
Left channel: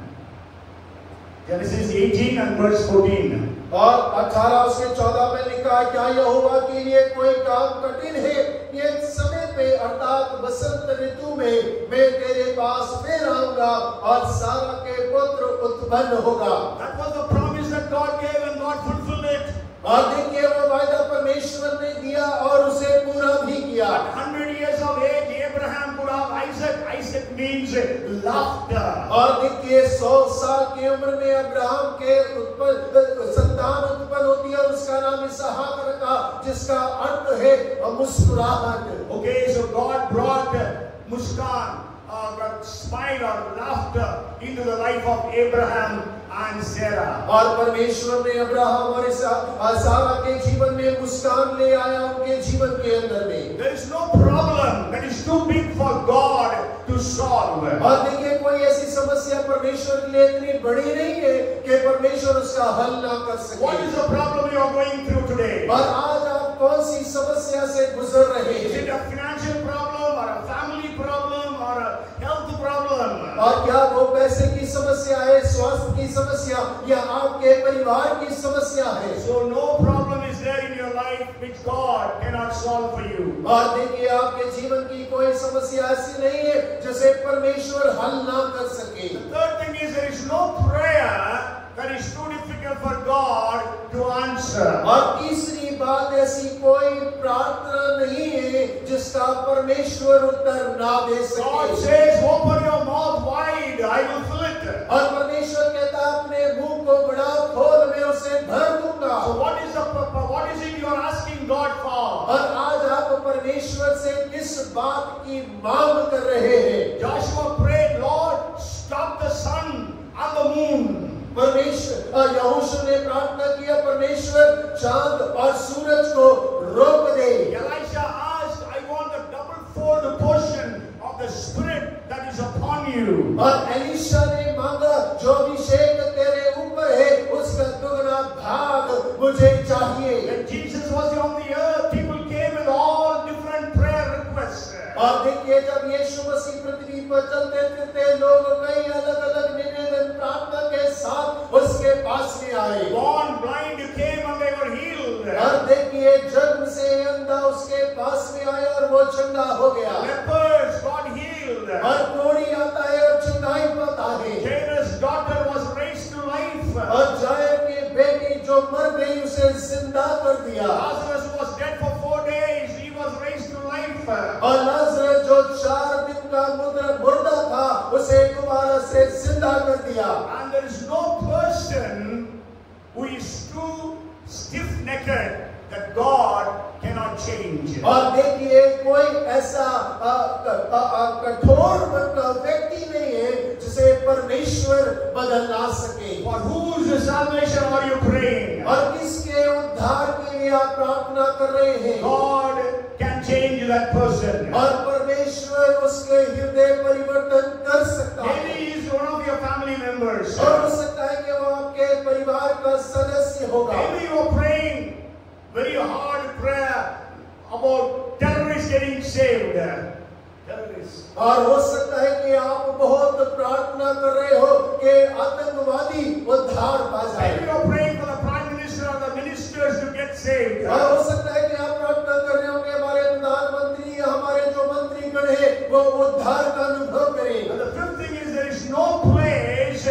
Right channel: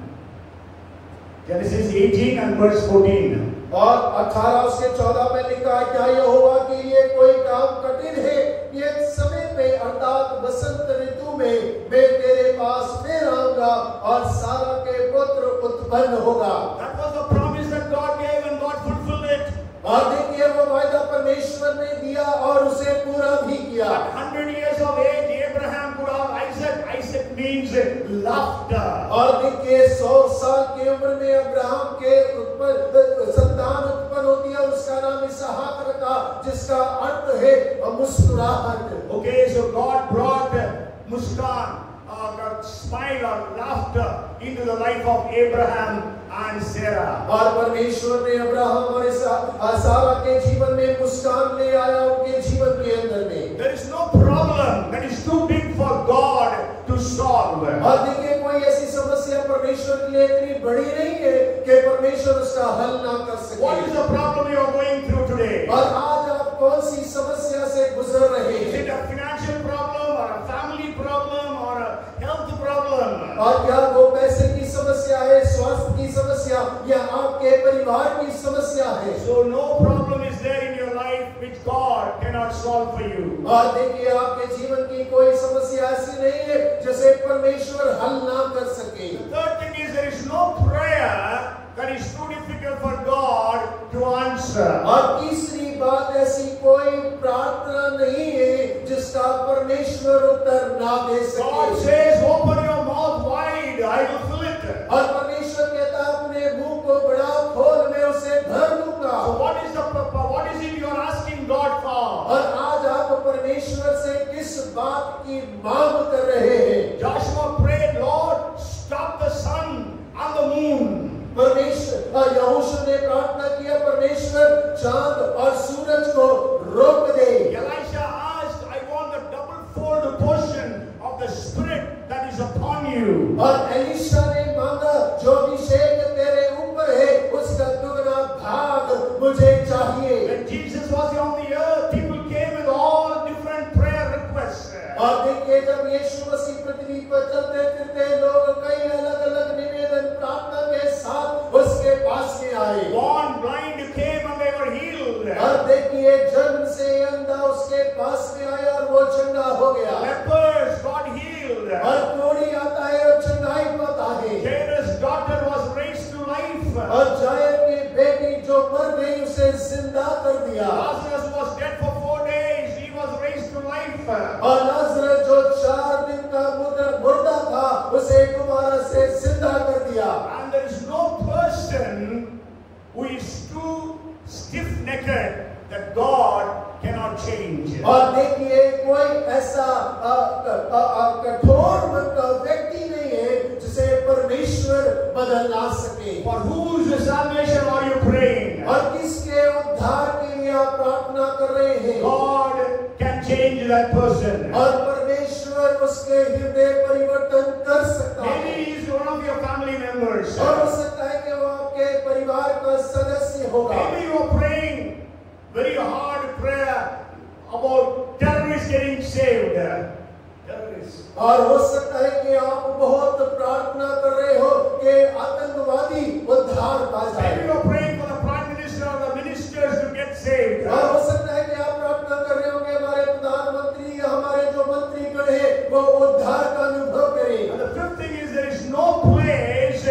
Genesis 18 and verse 14. और 18 उसके 14 में लिखा है, क्या यहोवा के लिए कोई काम कठिन है? ये समय पे अर्थात बसंत ऋतु में मैं तेरे पास फिर आऊंगा और सारा के पुत्र उत्पन्न होगा। That was the promise that God gave, and God fulfilled it. और देखिए वो वायदा परमेश्वर ने दिया और उसे पूरा भी किया। At 100 years of age, Abraham could have Isaac. Isaac means laughter. और देखिए 100 साल की उम्र में अब्राहम के संतान उत्पन्न होती है, उसका नाम इसहाक रखा, जिसका अर्थ है मुस्कुराहट। Okay, so God brought muskan, smile or laughter into the life of Abraham and Sarah. और परमेश्वर ने अब्राहम और सारा के जीवन में मुस्कान ले आया उनके जीवन के अंदर में। There is no problem that is too big for God to solve. और देखिए कोई ऐसी समस्या परमेश्वर के लिए इतनी बड़ी नहीं है कि परमेश्वर उसका हल ना कर सके। What is the problem you are going through today? और आज आप कौन सी समस्या से गुजर रहे Is हैं? it a financial problem or a family problem or a health problem? और क्या वो पैसे की समस्या है, स्वास्थ्य की समस्या या आपके परिवार की समस्या है? So no problem is there in your life which God cannot solve for you. और देखिए आपके जीवन की कोई समस्या ऐसी नहीं है जिसे परमेश्वर हल ना कर सके। The third thing is there is no difficult for God to answer. और तीसरी बात, ऐसी कोई प्रार्थना नहीं है जिसका परमेश्वर उत्तर ना दे God सके। says, open your mouth wide, I will fill it. और परमेश्वर कहता है अपने मुंह को बड़ा खोल, मैं उसे भर दूंगा। So what is it you are asking God for? और आज आप परमेश्वर से किस बात की मांग कर रहे हैं? Joshua prayed, Lord, stop the sun and the moon. परमेश्वर यहोशू ने प्रार्थना किया, परमेश्वर चांद और सूरज को रोक दे। Elisha asked, I want the double-fold portion of the Spirit that is upon you. और एलीशा ने मांगा, जो अभिषेक तेरे ऊपर है उसका दुगना भाग मुझे चाहिए। When Jesus was on the earth, people came with all different prayer requests. और देखिए, जब यीशु मसीह पृथ्वी पर चलते फिरते, लोग कई अलग-अलग निवेदन प्रार्थना के साथ उसके पास में आए। Born blind came and they were healed. और देखिए, जन्म से अंधा उसके पास में आया और वो चंगा हो गया। Lepers got healed. और कोढ़ी आता है और चंगाई पाता है। Jairus' daughter was raised to life. और जायर की बेटी जो मर गई उसे जिंदा कर दिया। Lazarus was dead for 4 days. He was raised to life. और लाजरस जो 4 दिन का मुर्दा था उसे दोबारा से जिंदा कर दिया। And there is no person who is too stiff-necked that God cannot change. और देखिए, कोई ऐसा कठोर मन का व्यक्ति नहीं है जिसे परमेश्वर बदल ना सके। For whose salvation are you praying? और किसके उद्धार के लिए आप प्रार्थना कर रहे हैं? God can change that person. और परमेश्वर उसके हृदय परिवर्तन कर सकता है। Maybe he is one of your family members. और हो सकता है कि वो आपके परिवार का सदस्य होगा। Maybe you are praying very hard prayer about terrorists getting saved. Terrorists. और हो सकता है कि आप बहुत प्रार्थना कर रहे हो कि आतंकवादी उद्धार पा जाए। Maybe you are praying for the prime minister or the ministers to get saved. और हो सकता है कि आप प्रार्थना कर रहे हो कि हमारे प्रधानमंत्री या हमारे जो मंत्रीगण हैं वो उद्धार का अनुभव करें। And the fifth thing is there is no place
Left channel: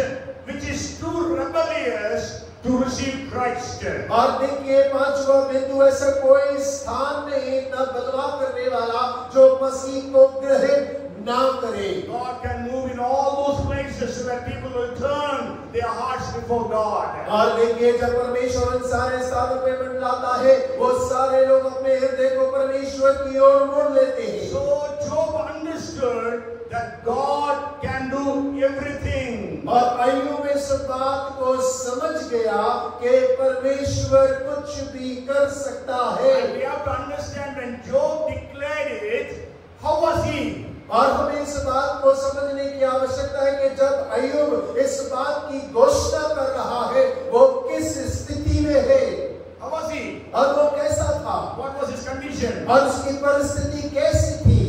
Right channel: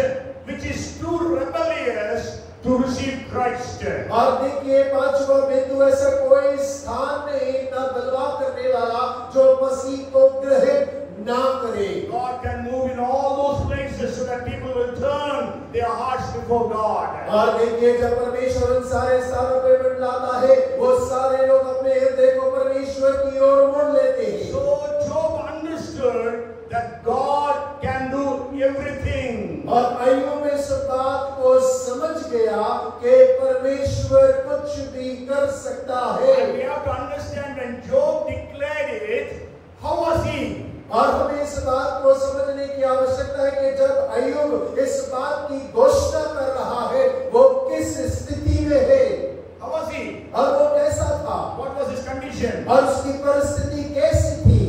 which is too rebellious to receive Christ. और देखिए, पांचवा बिंदु, ऐसा कोई स्थान नहीं ना बदलाव करने वाला जो मसीह को ग्रहण ना करे। God can move in all those places so that people will turn their hearts before God. और देखिए, जब परमेश्वर इन सारे स्थानों पे बदलाता है, वो सारे लोग अपने हृदय को परमेश्वर की ओर मोड़ लेते हैं। So Job understood that God can do everything. और अय्यूब इस बात को समझ गया कि परमेश्वर कुछ भी कर सकता है। And we have to understand when Job declared it, how was he? और हमें इस बात को समझने की आवश्यकता है कि जब अय्यूब इस बात की घोषणा कर रहा है, वो किस स्थिति में है? How was he? और वो कैसा था? What was his condition? और उसकी परिस्थिति कैसी थी?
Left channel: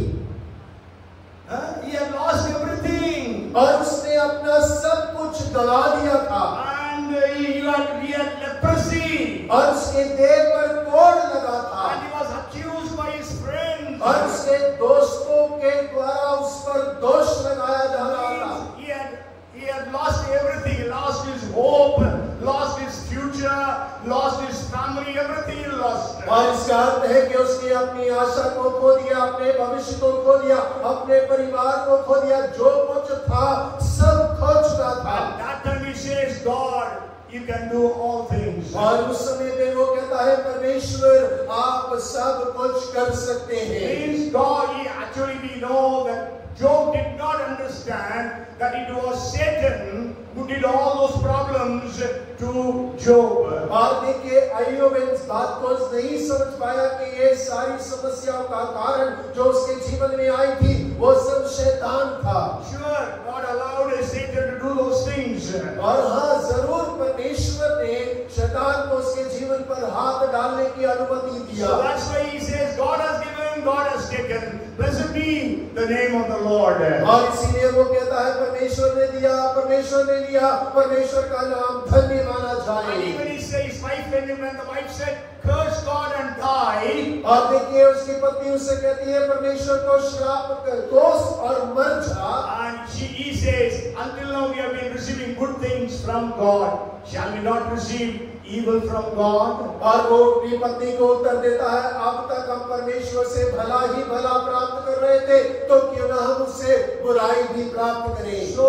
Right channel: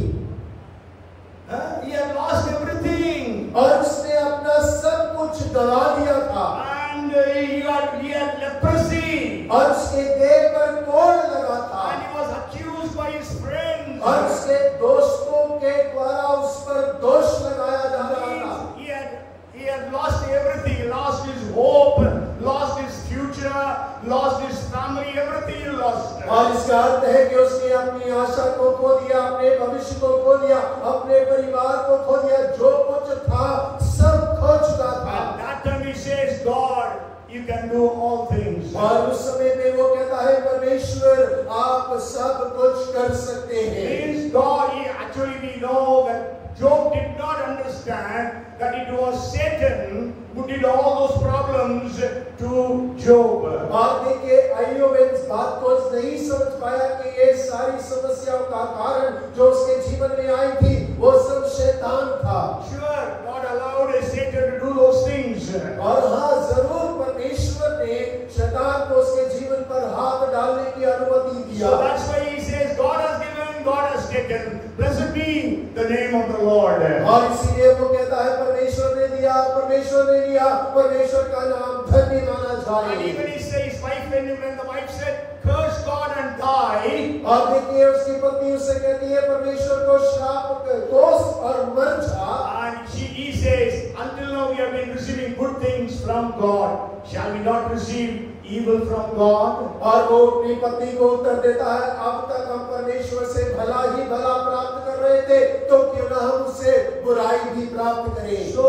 He had lost everything. और उसने अपना सब कुछ गंवा दिया था। And he had leprosy. और उसके देह पर कोढ़ लगा था। And he was accused by his friends. और उसके दोस्तों के द्वारा उस पर दोष लगाया जा रहा था। He had lost everything. He lost his hope, lost his future, lost his family, everything he lost. और इसका अर्थ है कि उसने अपनी आशा को खो दिया, अपने भविष्य को खो दिया, अपने परिवार को खो दिया, जो कुछ था सब खो चुका था। And that time he says, God, you can do all things. और उस समय में वो कहता है, परमेश्वर आप सब कुछ कर सकते हैं। Means God, we know that Job did not understand that it was Satan who did all those problems to Job. और देखिए, अय्यूब इस बात को नहीं समझ पाया कि ये सारी समस्याओं का कारण जो उसके जीवन में आई थी, वो सब शैतान था। Sure, God allowed Satan to do those things. और हाँ, जरूर परमेश्वर ने शैतान को उसके जीवन पर हाथ डालने की अनुमति दिया। So that's why he says, God has given, God has taken. Blessed be the name of the Lord. और इसीलिए वो कहता है, परमेश्वर ने दिया, परमेश्वर ने लिया, परमेश्वर का नाम धन्य माना And जाए। even he says, his wife, when the wife said, curse God and die. और देखिए, उसकी पत्नी उससे कहती है, परमेश्वर को श्राप दोष और मर जा। And he says, until now we have been receiving receive good things from God, shall we not receive evil from God? और वो अपनी पत्नी को उत्तर देता है, अब तक हम परमेश्वर से भला ही भला प्राप्त कर रहे थे, तो क्यों ना हम उससे बुराई भी प्राप्त करें। So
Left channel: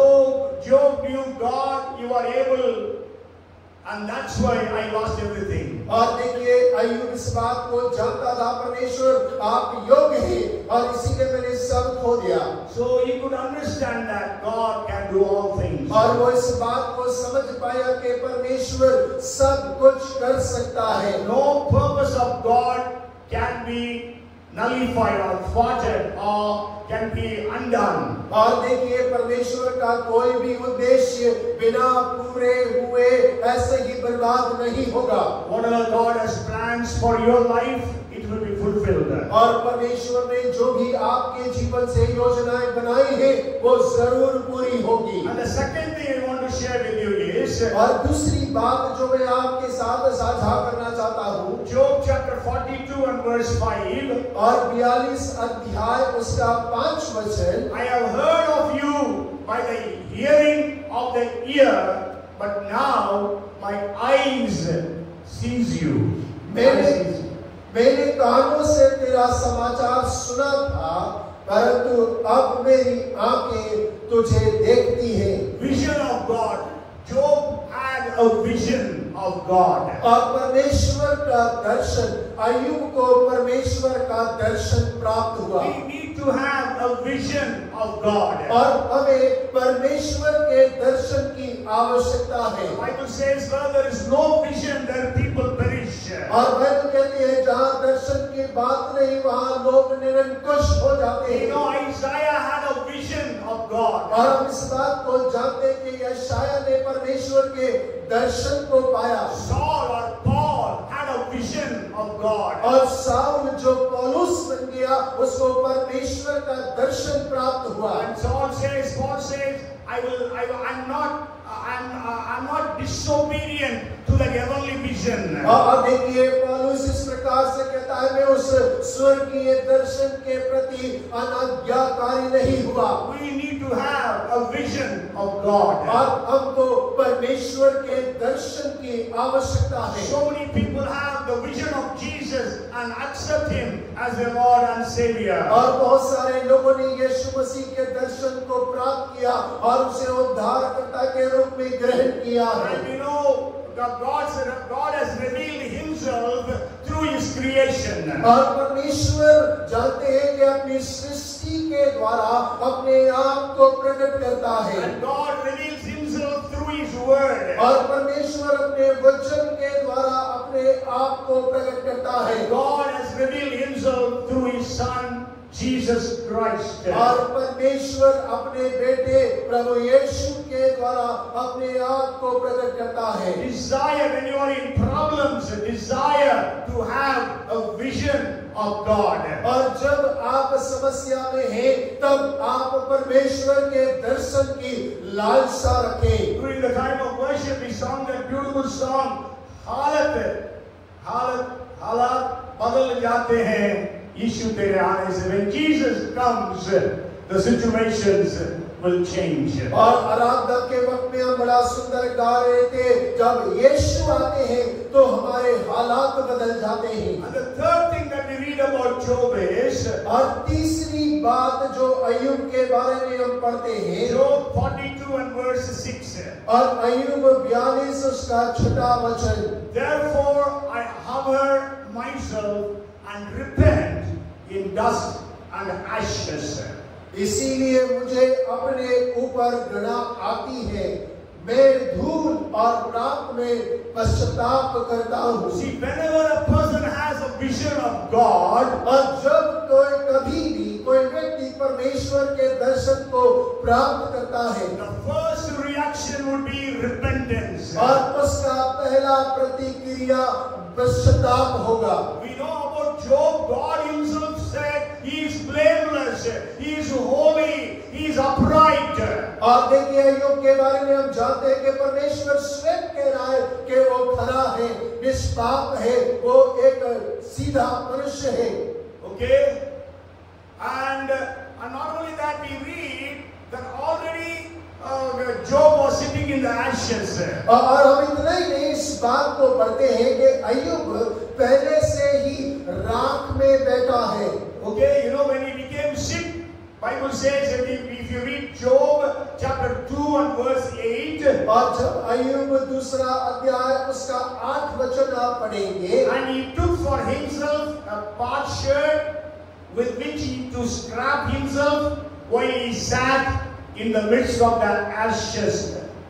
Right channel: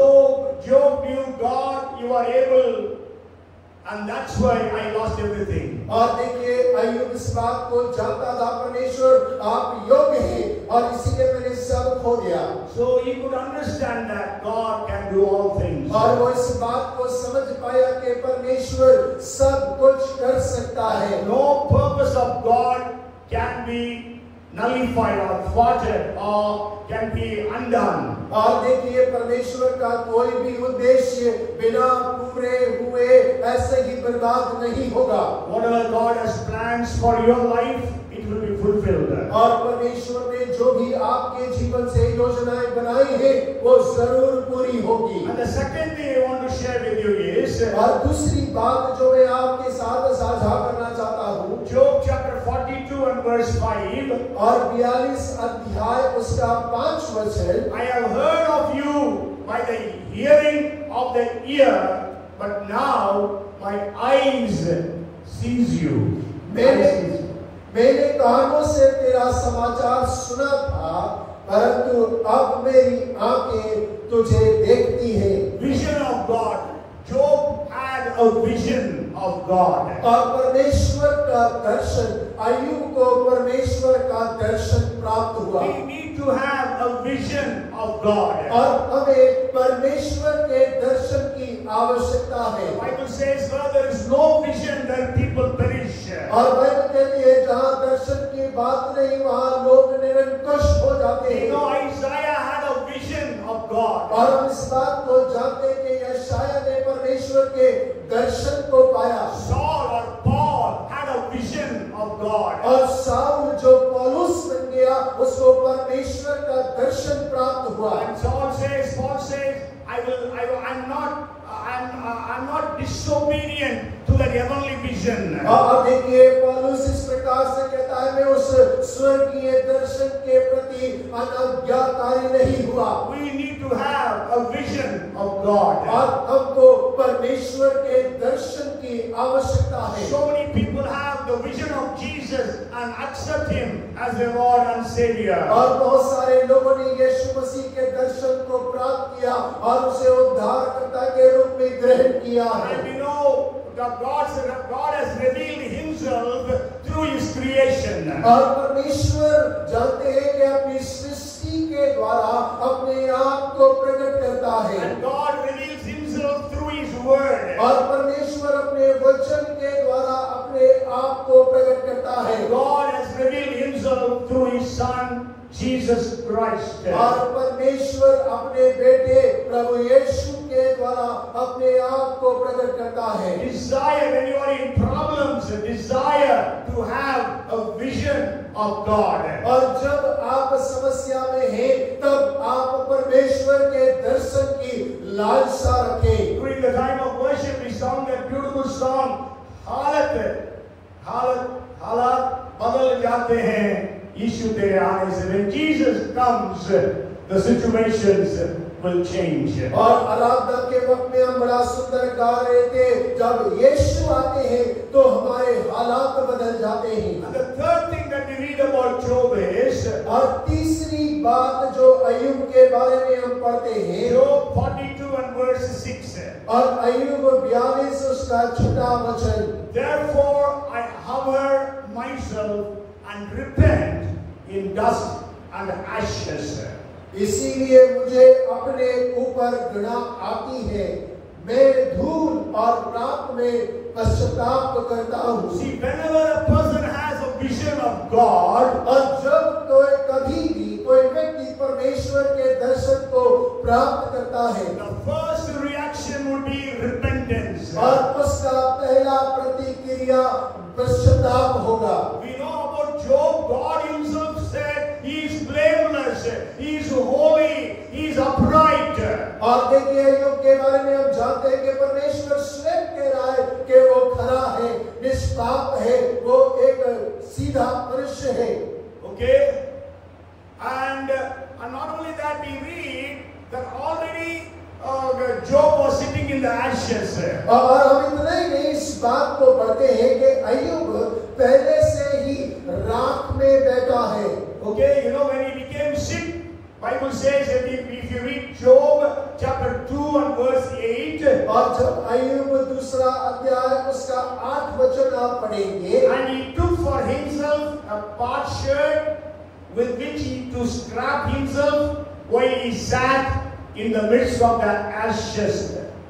Job knew God, you are able, and that's why I lost everything. और देखिए अय्यूब इस बात को जानता था, परमेश्वर आप योग्य हैं और इसीलिए मैंने सब खो दिया। So he could understand that God can do all things. और वो इस बात को समझ पाया कि परमेश्वर सब कुछ कर सकता है। No purpose of God can be nullified or thwarted or can be undone. और देखिए परमेश्वर का कोई भी उद्देश्य बिना पूरे हुए ऐसे ही बर्बाद नहीं होगा। Whatever God has plans for your life, it will be fulfilled. और परमेश्वर ने जो भी आपके जीवन से योजनाएं बनाई है वो जरूर पूरी होगी। And the second thing I want to share with you is, और दूसरी बात जो मैं आपके साथ साझा करना चाहता हूँ, Job chapter 42 and verse 5. और 42 अध्याय उसका 5 वचन, I have heard of you by the hearing of the ear, but now my eyes sees you. मैंने कानों से तेरा समाचार सुना था, परंतु अब मेरी आंखें तुझे देखती हैं। Vision of God. Job had a vision of God. और परमेश्वर का दर्शन, अय्यूब को परमेश्वर का दर्शन प्राप्त हुआ। We need to have a vision of God. और हमें परमेश्वर के दर्शन की आवश्यकता है। The Bible says, where there is no vision, there people perish. और बाइबल कहती है जहाँ दर्शन की बात नहीं वहाँ लोग निरंकुश हो जाते हैं। You know, Isaiah had a vision of God. और हम इस बात को जानते हैं कि यशायाह ने परमेश्वर के दर्शन को पाया। Saul or Paul had a vision of God. और साउल जो पौलुस बन गया उसको परमेश्वर का दर्शन प्राप्त हुआ। And Paul says, I'm not disobedient to that heavenly vision. और देखिए पौलुस इस प्रकार से कहता है, मैं उस स्वर्गीय दर्शन के प्रति अनाज्ञाकारी नहीं हुआ। We need to have a vision of God. और हमको परमेश्वर के दर्शन की आवश्यकता है। So many people have the vision of Jesus and accept Him as their Lord and Savior. और बहुत सारे लोगों ने यीशु मसीह के दर्शन को प्राप्त किया और उसे उद्धारकर्ता के रूप में ग्रहण किया है। And we know that God has revealed Himself through His creation. और परमेश्वर जानते हैं कि अपनी सृष्टि के द्वारा अपने आप को प्रकट करता है। And God reveals Himself through His Word. और परमेश्वर अपने वचन के द्वारा अपने आप को प्रकट करता है। God has revealed Himself through His Son Jesus Christ. और परमेश्वर अपने बेटे प्रभु यीशु के द्वारा अपने आप को प्रकट करता है। Desire, when you are in problems, desire to have a vision of God. और जब आप समस्या में हैं तब आप परमेश्वर के दर्शन की लालसा रखें। During the time of worship, we sang that beautiful song, हालात बदल जाते हैं यीशु तेरे आने से। When Jesus comes, the situations will change. और आराधना के वक्त में हम बड़ा सुंदर गा रहे थे, जब यीशु आते हैं तो हमारे हालात बदल जाते हैं। And the third thing that we read about Job is, और तीसरी बात जो अय्यूब के बारे में हम पढ़ते हैं, Job 42 and verse 6. और अय्यूब 42 उसका 6वां वचन, Therefore I hover myself and repent in dust and ashes. इसीलिए मुझे अपने ऊपर घृणा आती है, मैं धूल और राख में पश्चाताप करता हूँ। See, whenever a person has a vision of God, और जब कभी भी कोई व्यक्ति परमेश्वर के दर्शन को प्राप्त करता है, the first reaction would be repentance. और उसका पहला प्रतिक्रिया पश्चाताप होगा। We know about Job. God Himself said He is blameless, He is holy, He is upright. और देखिए अय्यूब के बारे में हम जानते हैं कि परमेश्वर स्वयं कह रहा है कि वो खरा है, निष्पाप है, वो एक सीधा मनुष्य है। Okay, and not only that, we read that already Job was sitting in the ashes. और हम इतना ही नहीं इस बात को पढ़ते हैं कि अय्यूब पहले से ही राख में बैठा है. Okay, you know, when he became sick, Bible says that if you read Job chapter 2 and verse 8, और जब अय्यूब दूसरा अध्याय उसका 8 वचन आप पढ़ेंगे, and he took for himself a potsherd with which he to scrap himself while he sat in the midst of the ashes.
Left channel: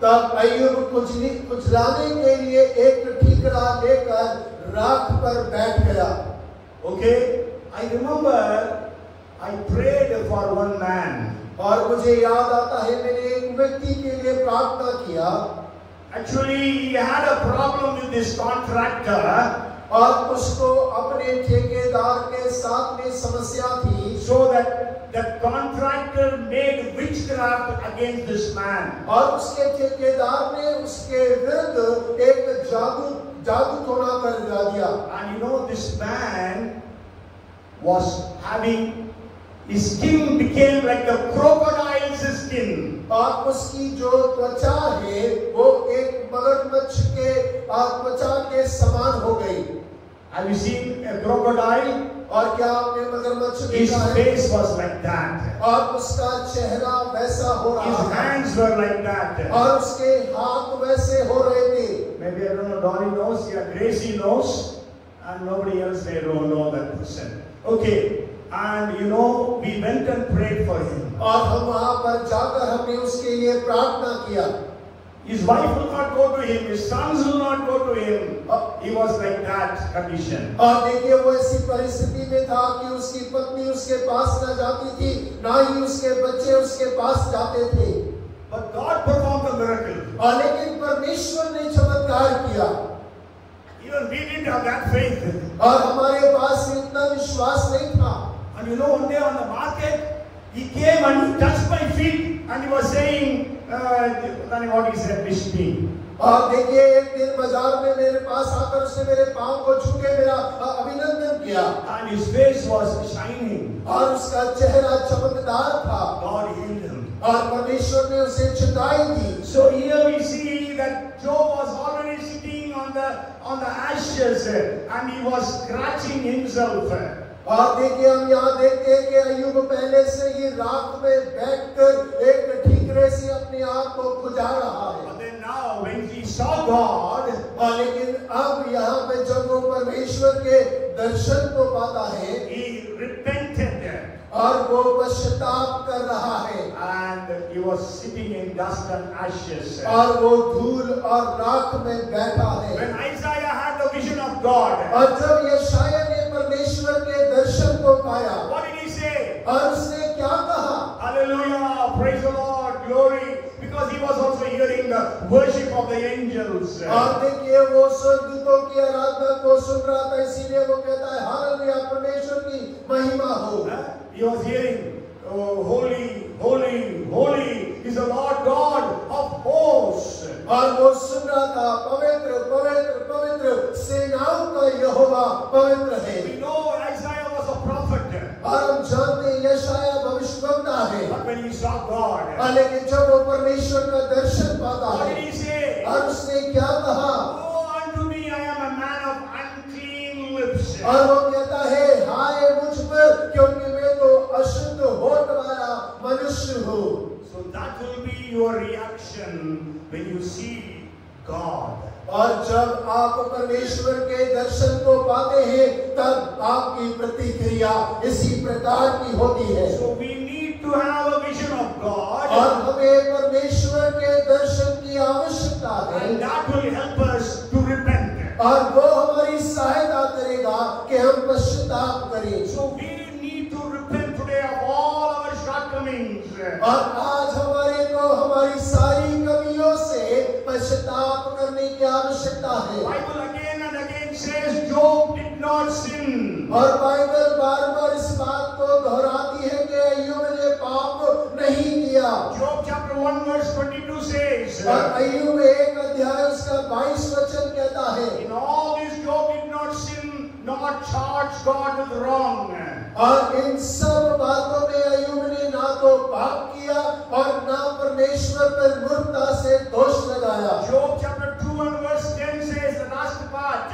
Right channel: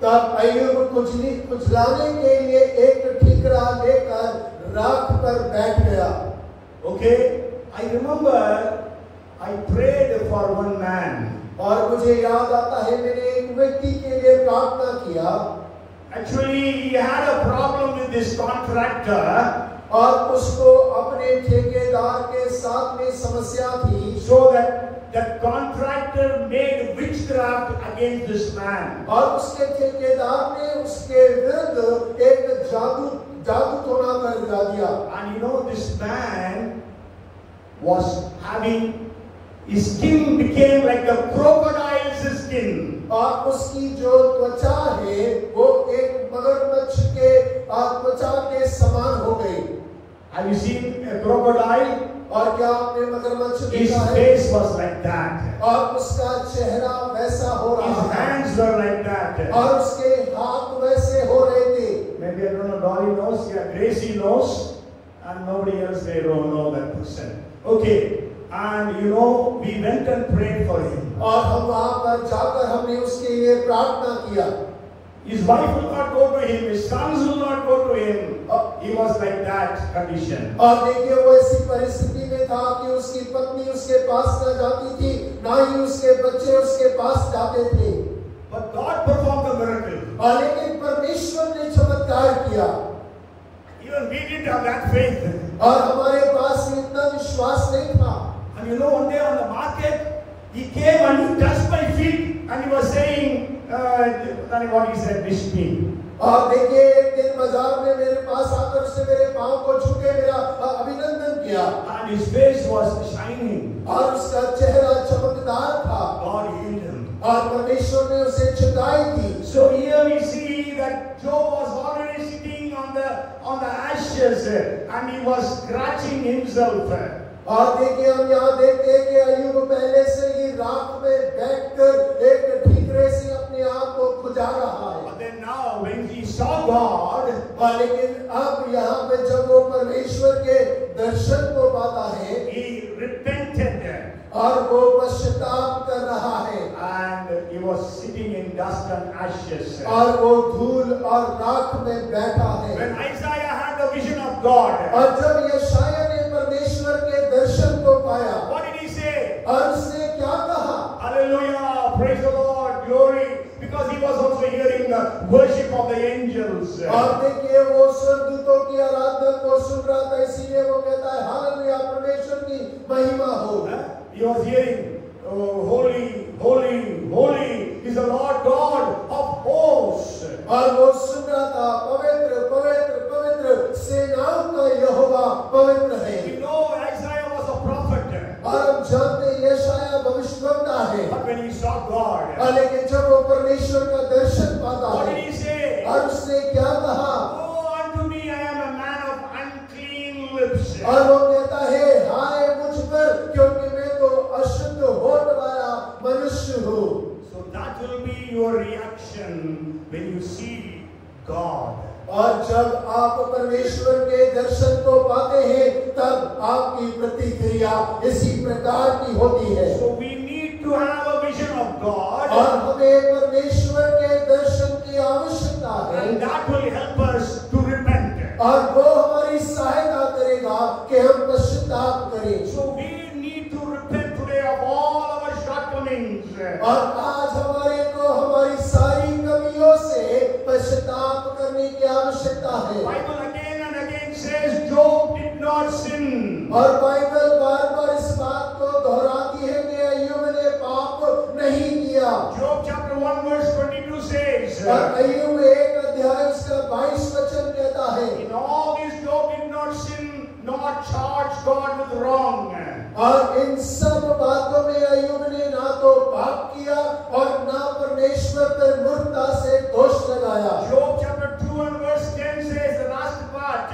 तब अय्यूब कुचलाने के लिए एक ठीकरा लेकर राख पर बैठ गया. Okay, I remember I prayed for one man. और मुझे याद आता है मैंने एक व्यक्ति के लिए प्रार्थना किया. Actually, he had a problem with this contractor. और उसको अपने ठेकेदार के साथ में समस्या थी. So that the contractor made witchcraft against this man. और उसके ठेकेदार ने उसके विरुद्ध एक जादू टोना कर दिया. And you know, this man was having, his skin became like the crocodile's skin. और उसकी जो त्वचा है वो एक मगरमच्छ के त्वचा के समान हो गई. Have you seen a crocodile? और क्या आपने मगरमच्छ His देखा है? face was like that. और उसका चेहरा वैसा हो रहा His है. hands were like that. और उसके हाथ वैसे हो रहे थे. Maybe I don't know, Dolly knows, yeah, Gracie knows, and nobody else they don't know that person. Okay, and you know, we went and prayed for him. और हम वहां पर जाकर हमने उसके लिए प्रार्थना किया. His wife will not go to him, his sons will not go to him. He was like that condition. और देखिए वो ऐसी परिस्थिति में था कि उसकी पत्नी उसके पास न जाती थी, ना ही उसके बच्चे उसके पास जाते थे. But God performed a miracle. और लेकिन परमेश्वर ने चमत्कार किया. Even we didn't have that faith. और हमारे पास इतना विश्वास नहीं था. And you know, one day on the market, he came and he touched my feet and he was saying, what he said, wish me. और देखिए एक दिन बाजार में मेरे पास आकर उसने मेरे पांव को छू के मेरा अभिनंदन किया. And his face was shining. और उसका चेहरा चमकदार था. God healed him. और परमेश्वर ने उसे छुटाई दी. So here we see that Job was already sitting on the ashes and he was scratching himself. और देखिए हम यहाँ देखते हैं कि अय्यूब पहले से ही राख में बैठकर एक ठीकरे से अपने आप को खुजा रहा है. But then now when he saw God, लेकिन अब यहाँ पे जब वो परमेश्वर के दर्शन को पाता है, he repented. और वो पश्चाताप कर रहा है. And he was sitting in dust and ashes. और वो धूल और राख में बैठा है. When Isaiah had the vision of God, और जब यशायाह ने परमेश्वर के दर्शन को पाया, what did he say? और उसने क्या कहा? Hallelujah, praise the Lord, glory, because he was also hearing the worship of the angels. और देखिए वो स्वर्गदूतों की आराधना को सुन रहा था, इसीलिए वो कहता है हालेलुया, परमेश्वर की महिमा हो. He was hearing, oh, holy, holy, holy is the Lord God of hosts. और वो सुन रहा था पवित्र पवित्र पवित्र सेनाओं का यहोवा पवित्र है. We know Isaiah was a prophet. और हम जानते हैं यशायाह भविष्यवक्ता है. But when he saw God, लेकिन जब वो परमेश्वर का दर्शन पाता what है, did he say? और उसने क्या कहा? Oh, unto me I am a man of unclean lips. और वो कहता है हाय मुझ पर, क्योंकि मैं तो अशुद्ध होठ वाला मनुष्य हूँ. So that will be your reaction when you see God. और जब आप परमेश्वर के दर्शन को पाते हैं, तब आपकी प्रतिक्रिया इसी प्रकार की होती है. So we need to have a vision of God. और हमें परमेश्वर के दर्शन की आवश्यकता है. And that will help us to repent. और वो हमारी सहायता करेगा कि हम पश्चाताप करें. So we need to repent today of all our shortcomings. और आज हमारे को हमारी सारी कमियों से पश्चाताप करने की आवश्यकता है. Bible again and again says Job did not sin. और बाइबल बार-बार इस बात को दोहराती है कि अय्यूब ने पाप नहीं किया. Job chapter 1 verse 22 says, और अय्यूब 1 अध्याय उसका 22 वचन कहता है, in all this Job did not sin nor charge God with wrong. और इन सब बातों में अय्यूब ने ना तो पाप किया और ना परमेश्वर परमेश्वर पर मूर्खता से दोष लगाया। Job chapter 2 and verse 10 says the last part.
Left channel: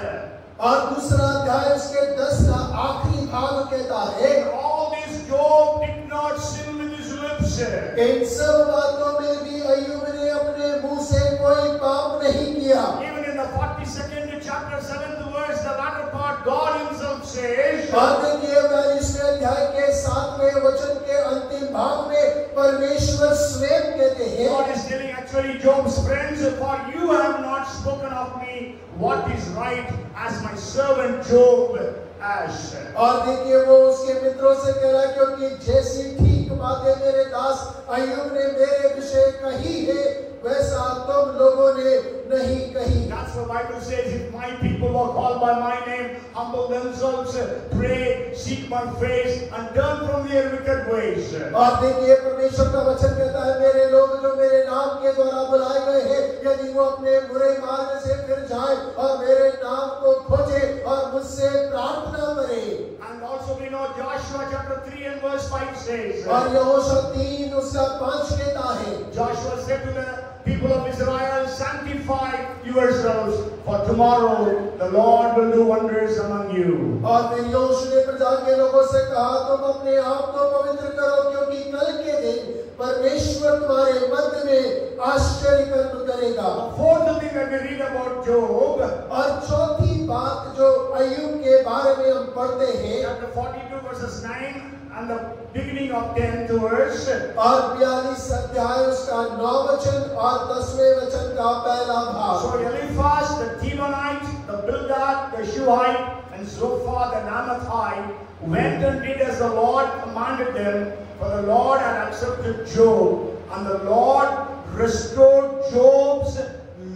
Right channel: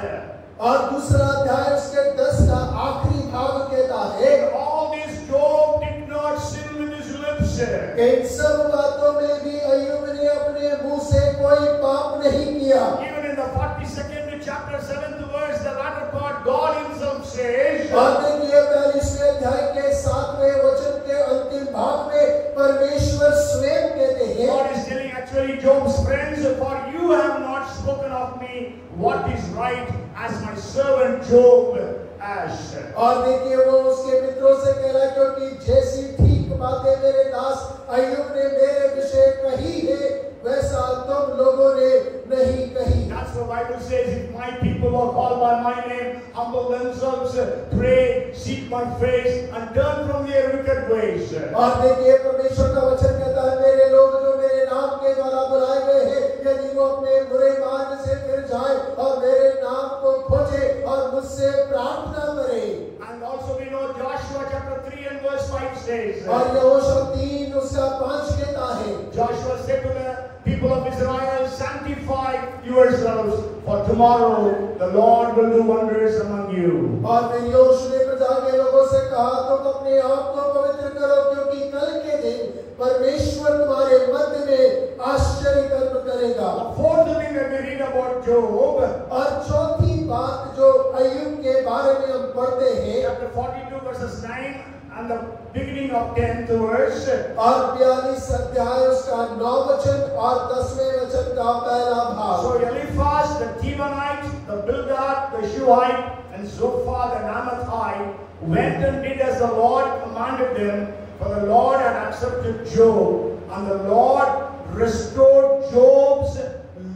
और दूसरा अध्याय उसके 10 का आखिरी भाग कहता है, In all this Job did not sin with his lips. इन सब बातों में भी अय्यूब ने अपने मुंह से कोई पाप नहीं किया। Even in the 42nd chapter 7th verse, the latter part, God himself says, और देखिए 42वें अध्याय के 7वें वचन के अंतिम भाग में परमेश्वर स्वयं कहते हैं, God is telling actually Job's friends, for you have not spoken of me what is right as my servant Job has. और देखिए वो उसके मित्रों से कह रहा है, क्योंकि जैसी ठीक बातें मेरे दास अय्यूब ने मेरे विषय कही है, वैसा तुम लोगों ने नहीं कही। That's what the Bible says, if my people who are called by my name humble themselves, pray, seek my face and turn from their wicked ways. और देखिए परमेश्वर का वचन कहता है, मेरे लोग जो मेरे नाम के द्वारा बुलाए गए हैं, यदि वो अपने बुरे मार्ग से फिर जाए और मेरे नाम को खोजे और मुझसे प्रार्थना करें। And also we know Joshua chapter 3 and verse 5 says, और यहोशू 3 उसका 5 कहता है, Joshua said to the people of Israel, sanctify yourselves, for tomorrow the Lord will do wonders among you. और फिर यहोशू ने प्रजा के लोगों से कहा, तुम अपने आप को पवित्र करो, क्योंकि कल के दिन परमेश्वर तुम्हारे मध्य में आश्चर्य कर्म करेगा। The fourth thing that we read about Job, और चौथी बात जो अय्यूब के बारे में हम पढ़ते हैं, chapter 42 verses 9 and the beginning of 10th verse. और 42 अध्याय उसका 9 वचन और 10वें वचन का पहला भाग। So Eliphaz the Temanite, the Bildad the Shuhite, and Zophar the Naamathite went and did as the Lord commanded them, for the Lord had accepted Job, and the Lord restored Job's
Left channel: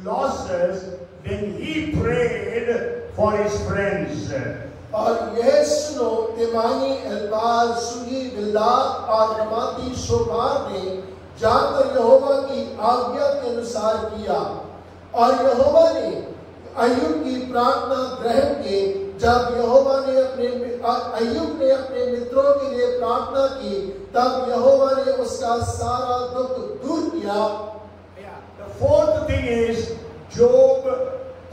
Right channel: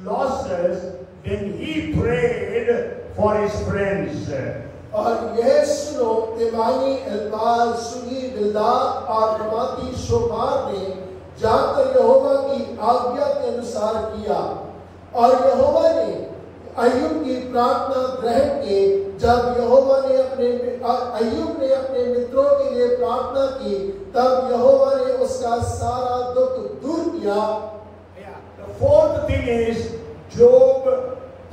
losses when he prayed for his friends. और यह सुनो, तेमानी, एल्बाल, सुही, बिल्दाद और रमाती शोभार ने जाकर यहोवा की आज्ञा के अनुसार किया। और यहोवा ने अय्यूब की प्रार्थना ग्रहण की। जब यहोवा ने अय्यूब ने अपने मित्रों के लिए प्रार्थना की, तब यहोवा ने उसका सारा दुख दूर किया। The fourth thing is Job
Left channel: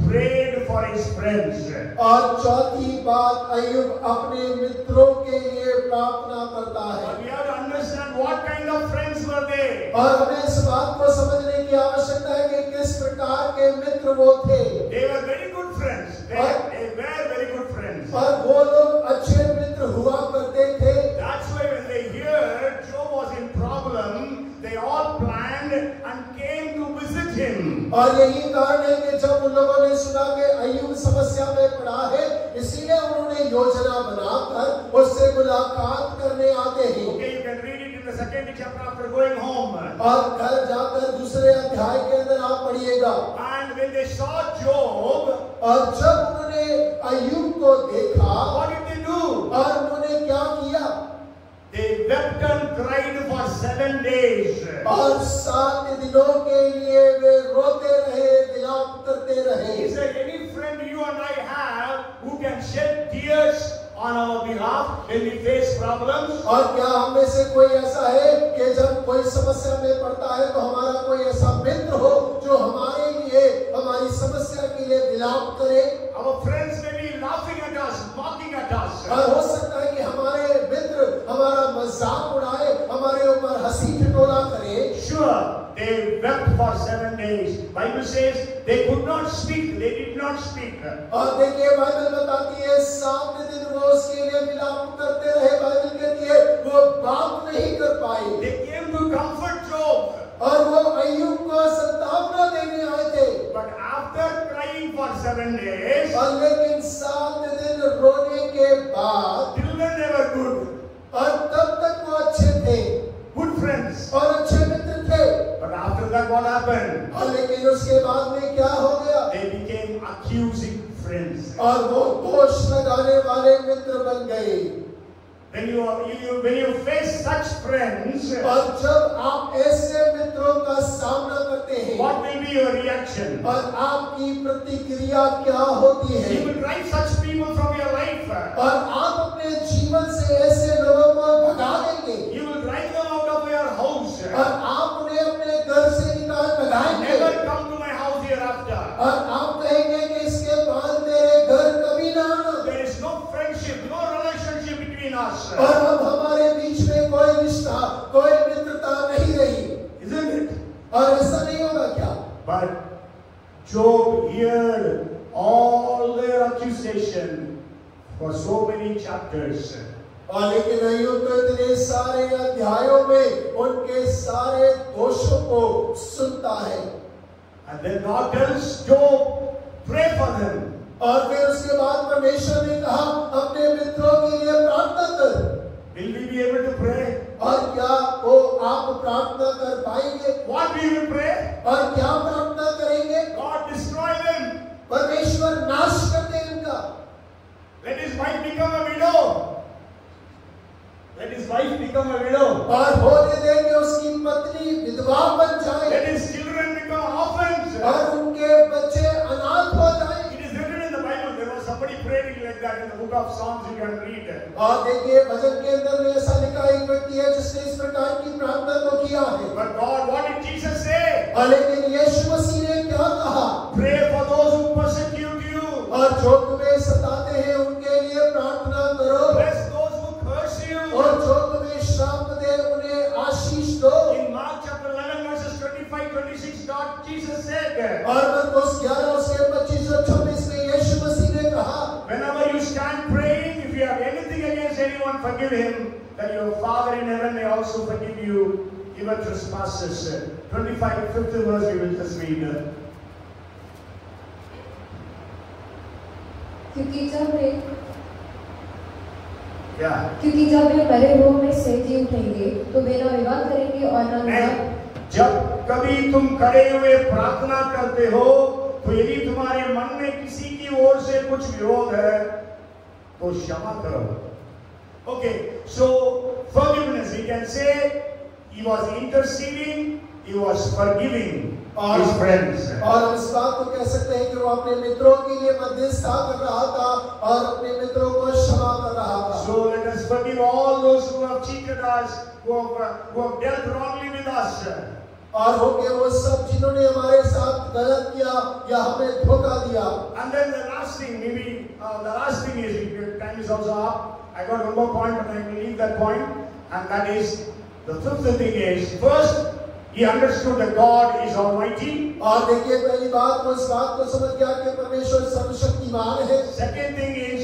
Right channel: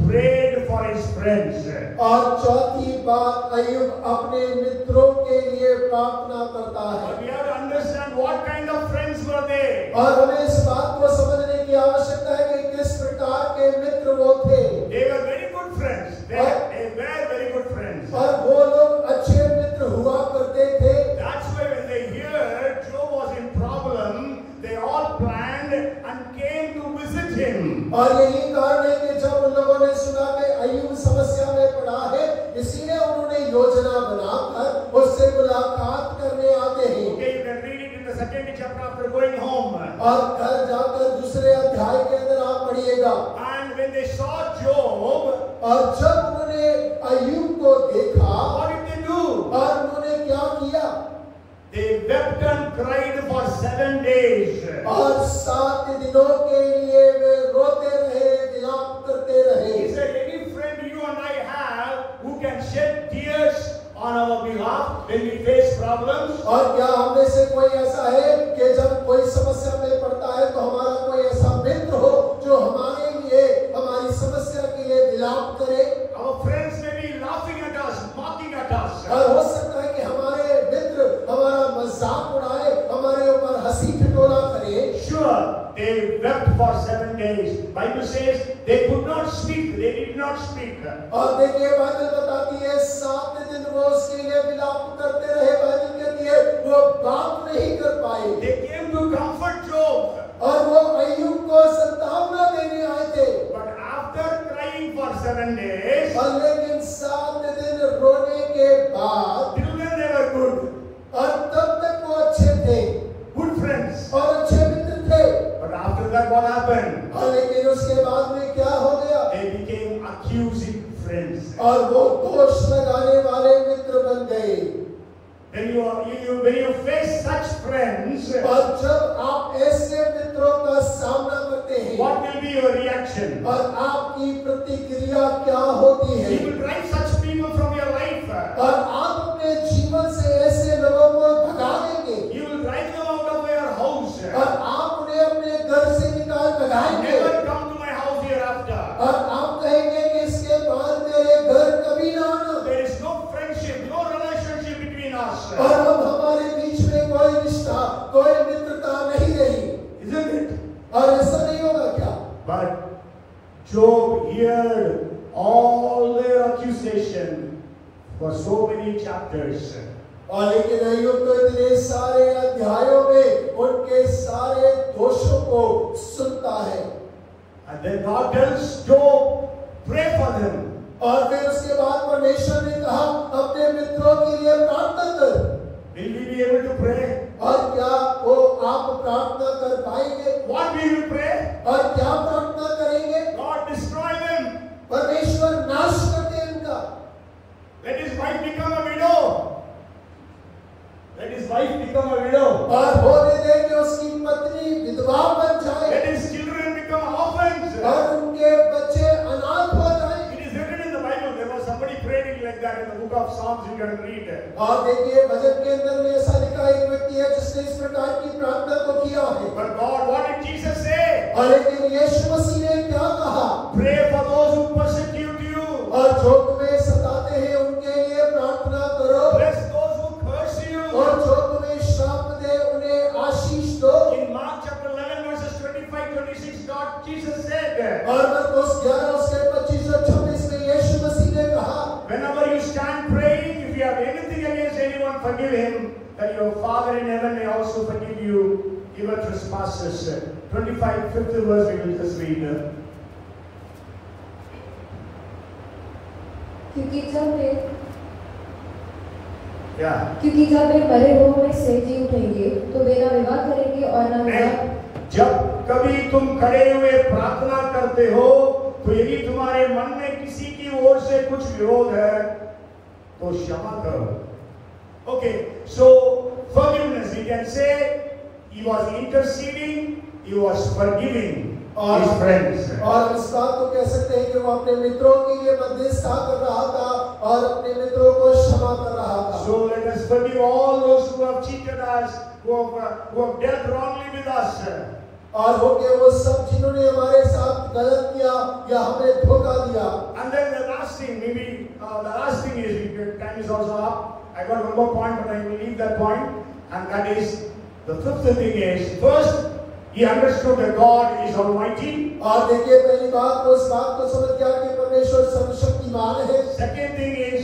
prayed for his friends. और चौथी बात, अय्यूब अपने मित्रों के लिए प्रार्थना करता है। We have to understand what kind of friends were they. और हमें इस बात को समझने की आवश्यकता है कि किस प्रकार के मित्र वो थे। They were very good friends. They were very good friends. और वो लोग अच्छे मित्र हुआ करते थे। That's why when they heard Job was in problem, they all planned and came to visit him. और यही कारण है कि जब उन लोगों ने सुना कि अय्यूब समस्या में पड़ा है, इसीलिए उन्होंने योजना बनाकर उससे मुलाकात करने आते हैं। Okay, you can read it in the second chapter after going home. और घर जाकर दूसरे अध्याय के अंदर आप पढ़िएगा। And when they saw Job, और जब उन्होंने अय्यूब को देखा, what did they do? और उन्होंने क्या किया? They wept and cried for 7 days. और 7 दिनों के लिए वे रोते रहे, विलाप करते रहे। Is there any friend you and I have who can shed tears on our behalf when we face problems? और क्या हम में से कोई ऐसा है कि जब कोई समस्या में पड़ता है तो हमारा कोई ऐसा मित्र हो जो हमारे लिए, हमारी समस्या के लिए विलाप करे? Our friends may be laughing at us, mocking at us. और हो सकता है कि हमारे मित्र हमारा मजाक उड़ाए, हमारे ऊपर हंसी ठिठोला करे। Sure, they wept for 7 days. Bible says they could not speak. They did not speak. और देखिए बाइबल बताती है 7 दिन वो उसके लिए विलाप करते रहे। बाइबल कहती है वो बात नहीं कर पाए। They came to comfort Job. और वो अय्यूब को सांत्वना देने आए थे। But after crying for 7 days, और लेकिन 7 दिन रोने के बाद, till then they were good. और तब तक वो अच्छे थे, Good friends. और अच्छे मित्र थे। But after that what happened? और लेकिन उसके बाद में क्या हो गया? They became accusing friends. और वो दोष लगाने वाले मित्र बन गए। When you face such friends, और जब आप ऐसे मित्रों का सामना करते हैं, what will be your reaction? और आपकी प्रतिक्रिया क्या होती है? You will drive such people from your life. और आप अपने जीवन से ऐसे लोगों को भगा देंगे। You will drive them out of your house. और आप उन्हें अपने घर से But Job heard all their accusation for so many chapters. और लेकिन अय्यूब तो इतने सारे अध्यायों में उनके सारे दोषों को सुनता है. And then God tells Job, pray for them. और फिर उसके बाद परमेश्वर ने कहा अपने मित्रों के लिए प्रार्थना कर. Will we be able to pray? और क्या वो आप प्रार्थना कर पाएंगे? What will you pray? और क्या प्रार्थना करेंगे? God destroy them. परमेश्वर नाश कर दे इनका. Let his wife become a widow. Let his wife become a widow. और होने दे कि उसकी पत्नी विधवा बन जाए. Let his children become orphans. और उनके बच्चे अनाथ हो जाएं. It is written in the Bible. There was somebody praying like that in the book of Psalms. You can read it. और देखिए भजन के अंदर में ऐसा लिखा एक व्यक्ति है जिसने इस प्रकार की प्रार्थना को किया है. But God, what did Jesus say? और लेकिन यीशु मसीह ने क्या कहा? Pray for those who persecute you. और जो तुम्हें सताते हैं उनके लिए प्रार्थना करो. Bless those who curse you. और जो तुम्हें श्राप दे उन्हें आशीष दो. In Mark chapter 11 verses 25-26, God Jesus said. और मरकुस 11 उसके 25 और 26 में यीशु मसीह ने कहा. Whenever you stand praying, if you have anything against anyone, forgive him, that your Father in heaven may also forgive you your trespasses. 25th verse we will just read. क्योंकि जब वे मरे हुओं में से जी उठेंगे तो वे ना विवाह करेंगे और ना विवाह. जब कभी तुम खड़े हुए प्रार्थना करते हो तो यदि तुम्हारे मन में किसी की ओर से कुछ विरोध है तो क्षमा करो. Okay, so forgiveness, we can say he was interceding, he was forgiving his friends. और इस बात को कह सकते हैं कि वो अपने मित्रों के लिए मध्यस्थता कर रहा था और अपने मित्रों को क्षमा कर रहा था. So let us forgive all those who have cheated us, who have dealt wrongly with us. और हो गए वो सब जिन्होंने हमारे साथ गलत किया या हमें धोखा दिया. And then the last thing, maybe the last thing is, time is also up. I got one more point, but I will leave that point. And that is, the fifth thing is, first, he understood that God is Almighty. और देखिए पहली बात को इस बात को समझ गया कि परमेश्वर सर्वशक्तिमान है. Second thing is,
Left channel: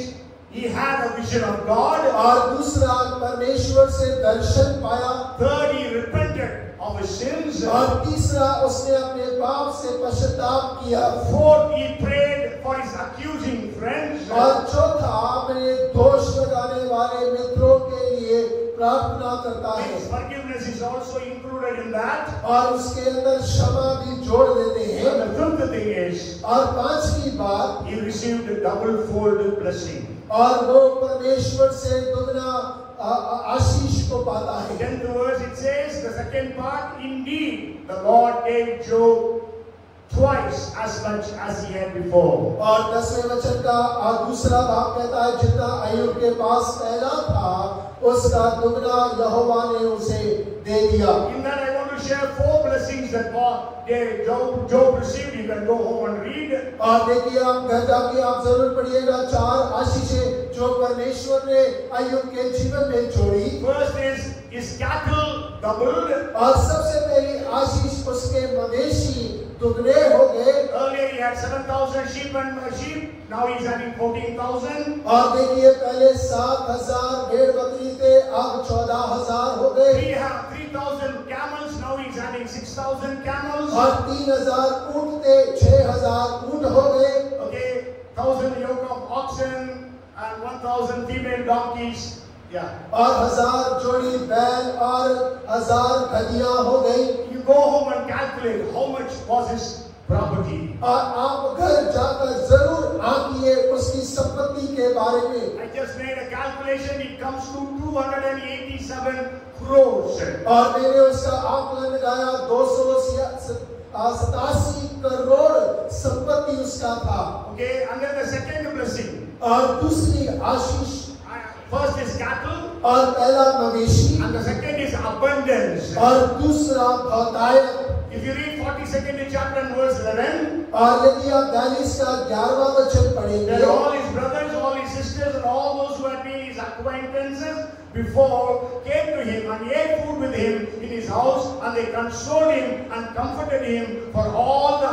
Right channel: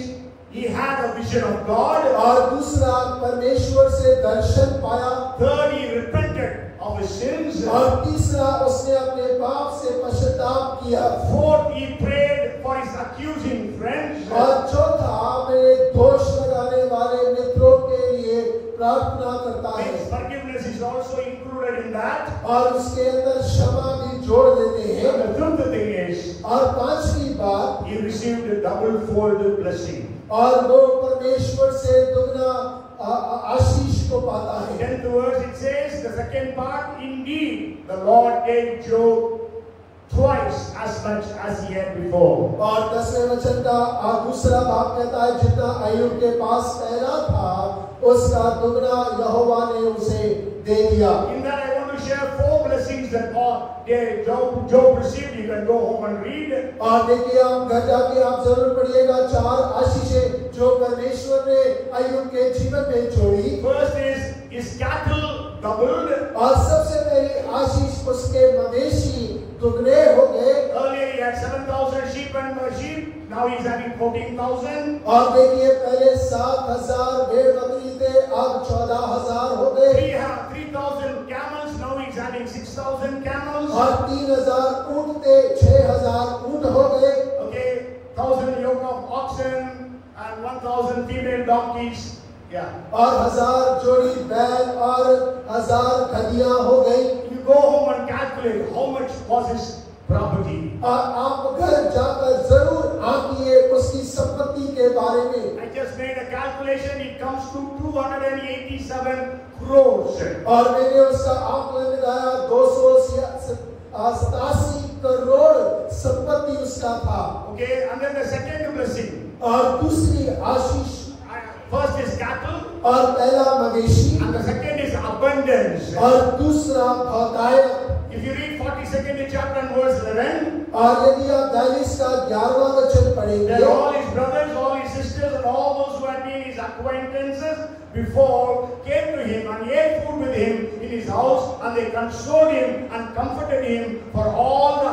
he had a vision of God. और दूसरा परमेश्वर से दर्शन पाया. Third, he repented of his sins. और तीसरा उसने अपने पाप से पश्चाताप किया. Fourth, he prayed for his accusing friends. और चौथा अपने दोष लगाने वाले मित्रों के लिए प्रार्थना करता है. Forgiveness is also included in that. और उसके अंदर क्षमा भी जोड़ देते हैं. And the fifth thing is, और पांचवी बात, he received a double-fold blessing. और वो परमेश्वर से दुगना आशीष को पाता है. 10th verse it says, the second part, indeed the Lord gave Job twice as much as he had before. और 10वें वचन का दूसरा भाग कहता है जितना अय्यूब के पास पहला था उसका दुगना यहोवा ने उसे दे दिया. In that I want to share 4 blessings that Job received. You can go home and read. और देखिए आप घर जाके आप जरूर पढ़िएगा 4 आशीषें जो परमेश्वर ने अय्यूब के जीवन में छोड़ी. First is his cattle doubled. और सबसे पहली आशीष उसके मवेशी दुगने हो गए. Earlier he had 7,000 sheep and sheep. Now he's having 14,000. और देखिए पहले 7,000 भेड़ बकरी थे, अब 14,000 हो गए. 3,000 camels. Now he's having 6,000 camels. और 3,000 ऊंट थे, 6,000 ऊंट हो गए. Okay, 1,000 yoke of oxen and 1,000 female donkeys. Yeah. और 1,000 जोड़ी बैल और 1,000 गधियां हो गई. You go home and calculate how much was his property. और आप घर जाकर जरूर आंकिए उसकी संपत्ति के बारे में. I just made a calculation. It comes to 287 crores. और मैंने उसका आकलन लगाया 287 करोड़ संपत्ति उसका था. Okay, and then the second blessing. और दूसरी आशीष, first is cattle. और पहला मवेशी. And the second is abundance. और दूसरा बहुतायत. If you read 42nd chapter and verse 11. और यदि आप 42 का 11वां वचन पढ़ेंगे. Then all his brothers, all his sisters, and all those who had been his acquaintances before came to him and ate food with him in his house, and they consoled him and comforted him for all the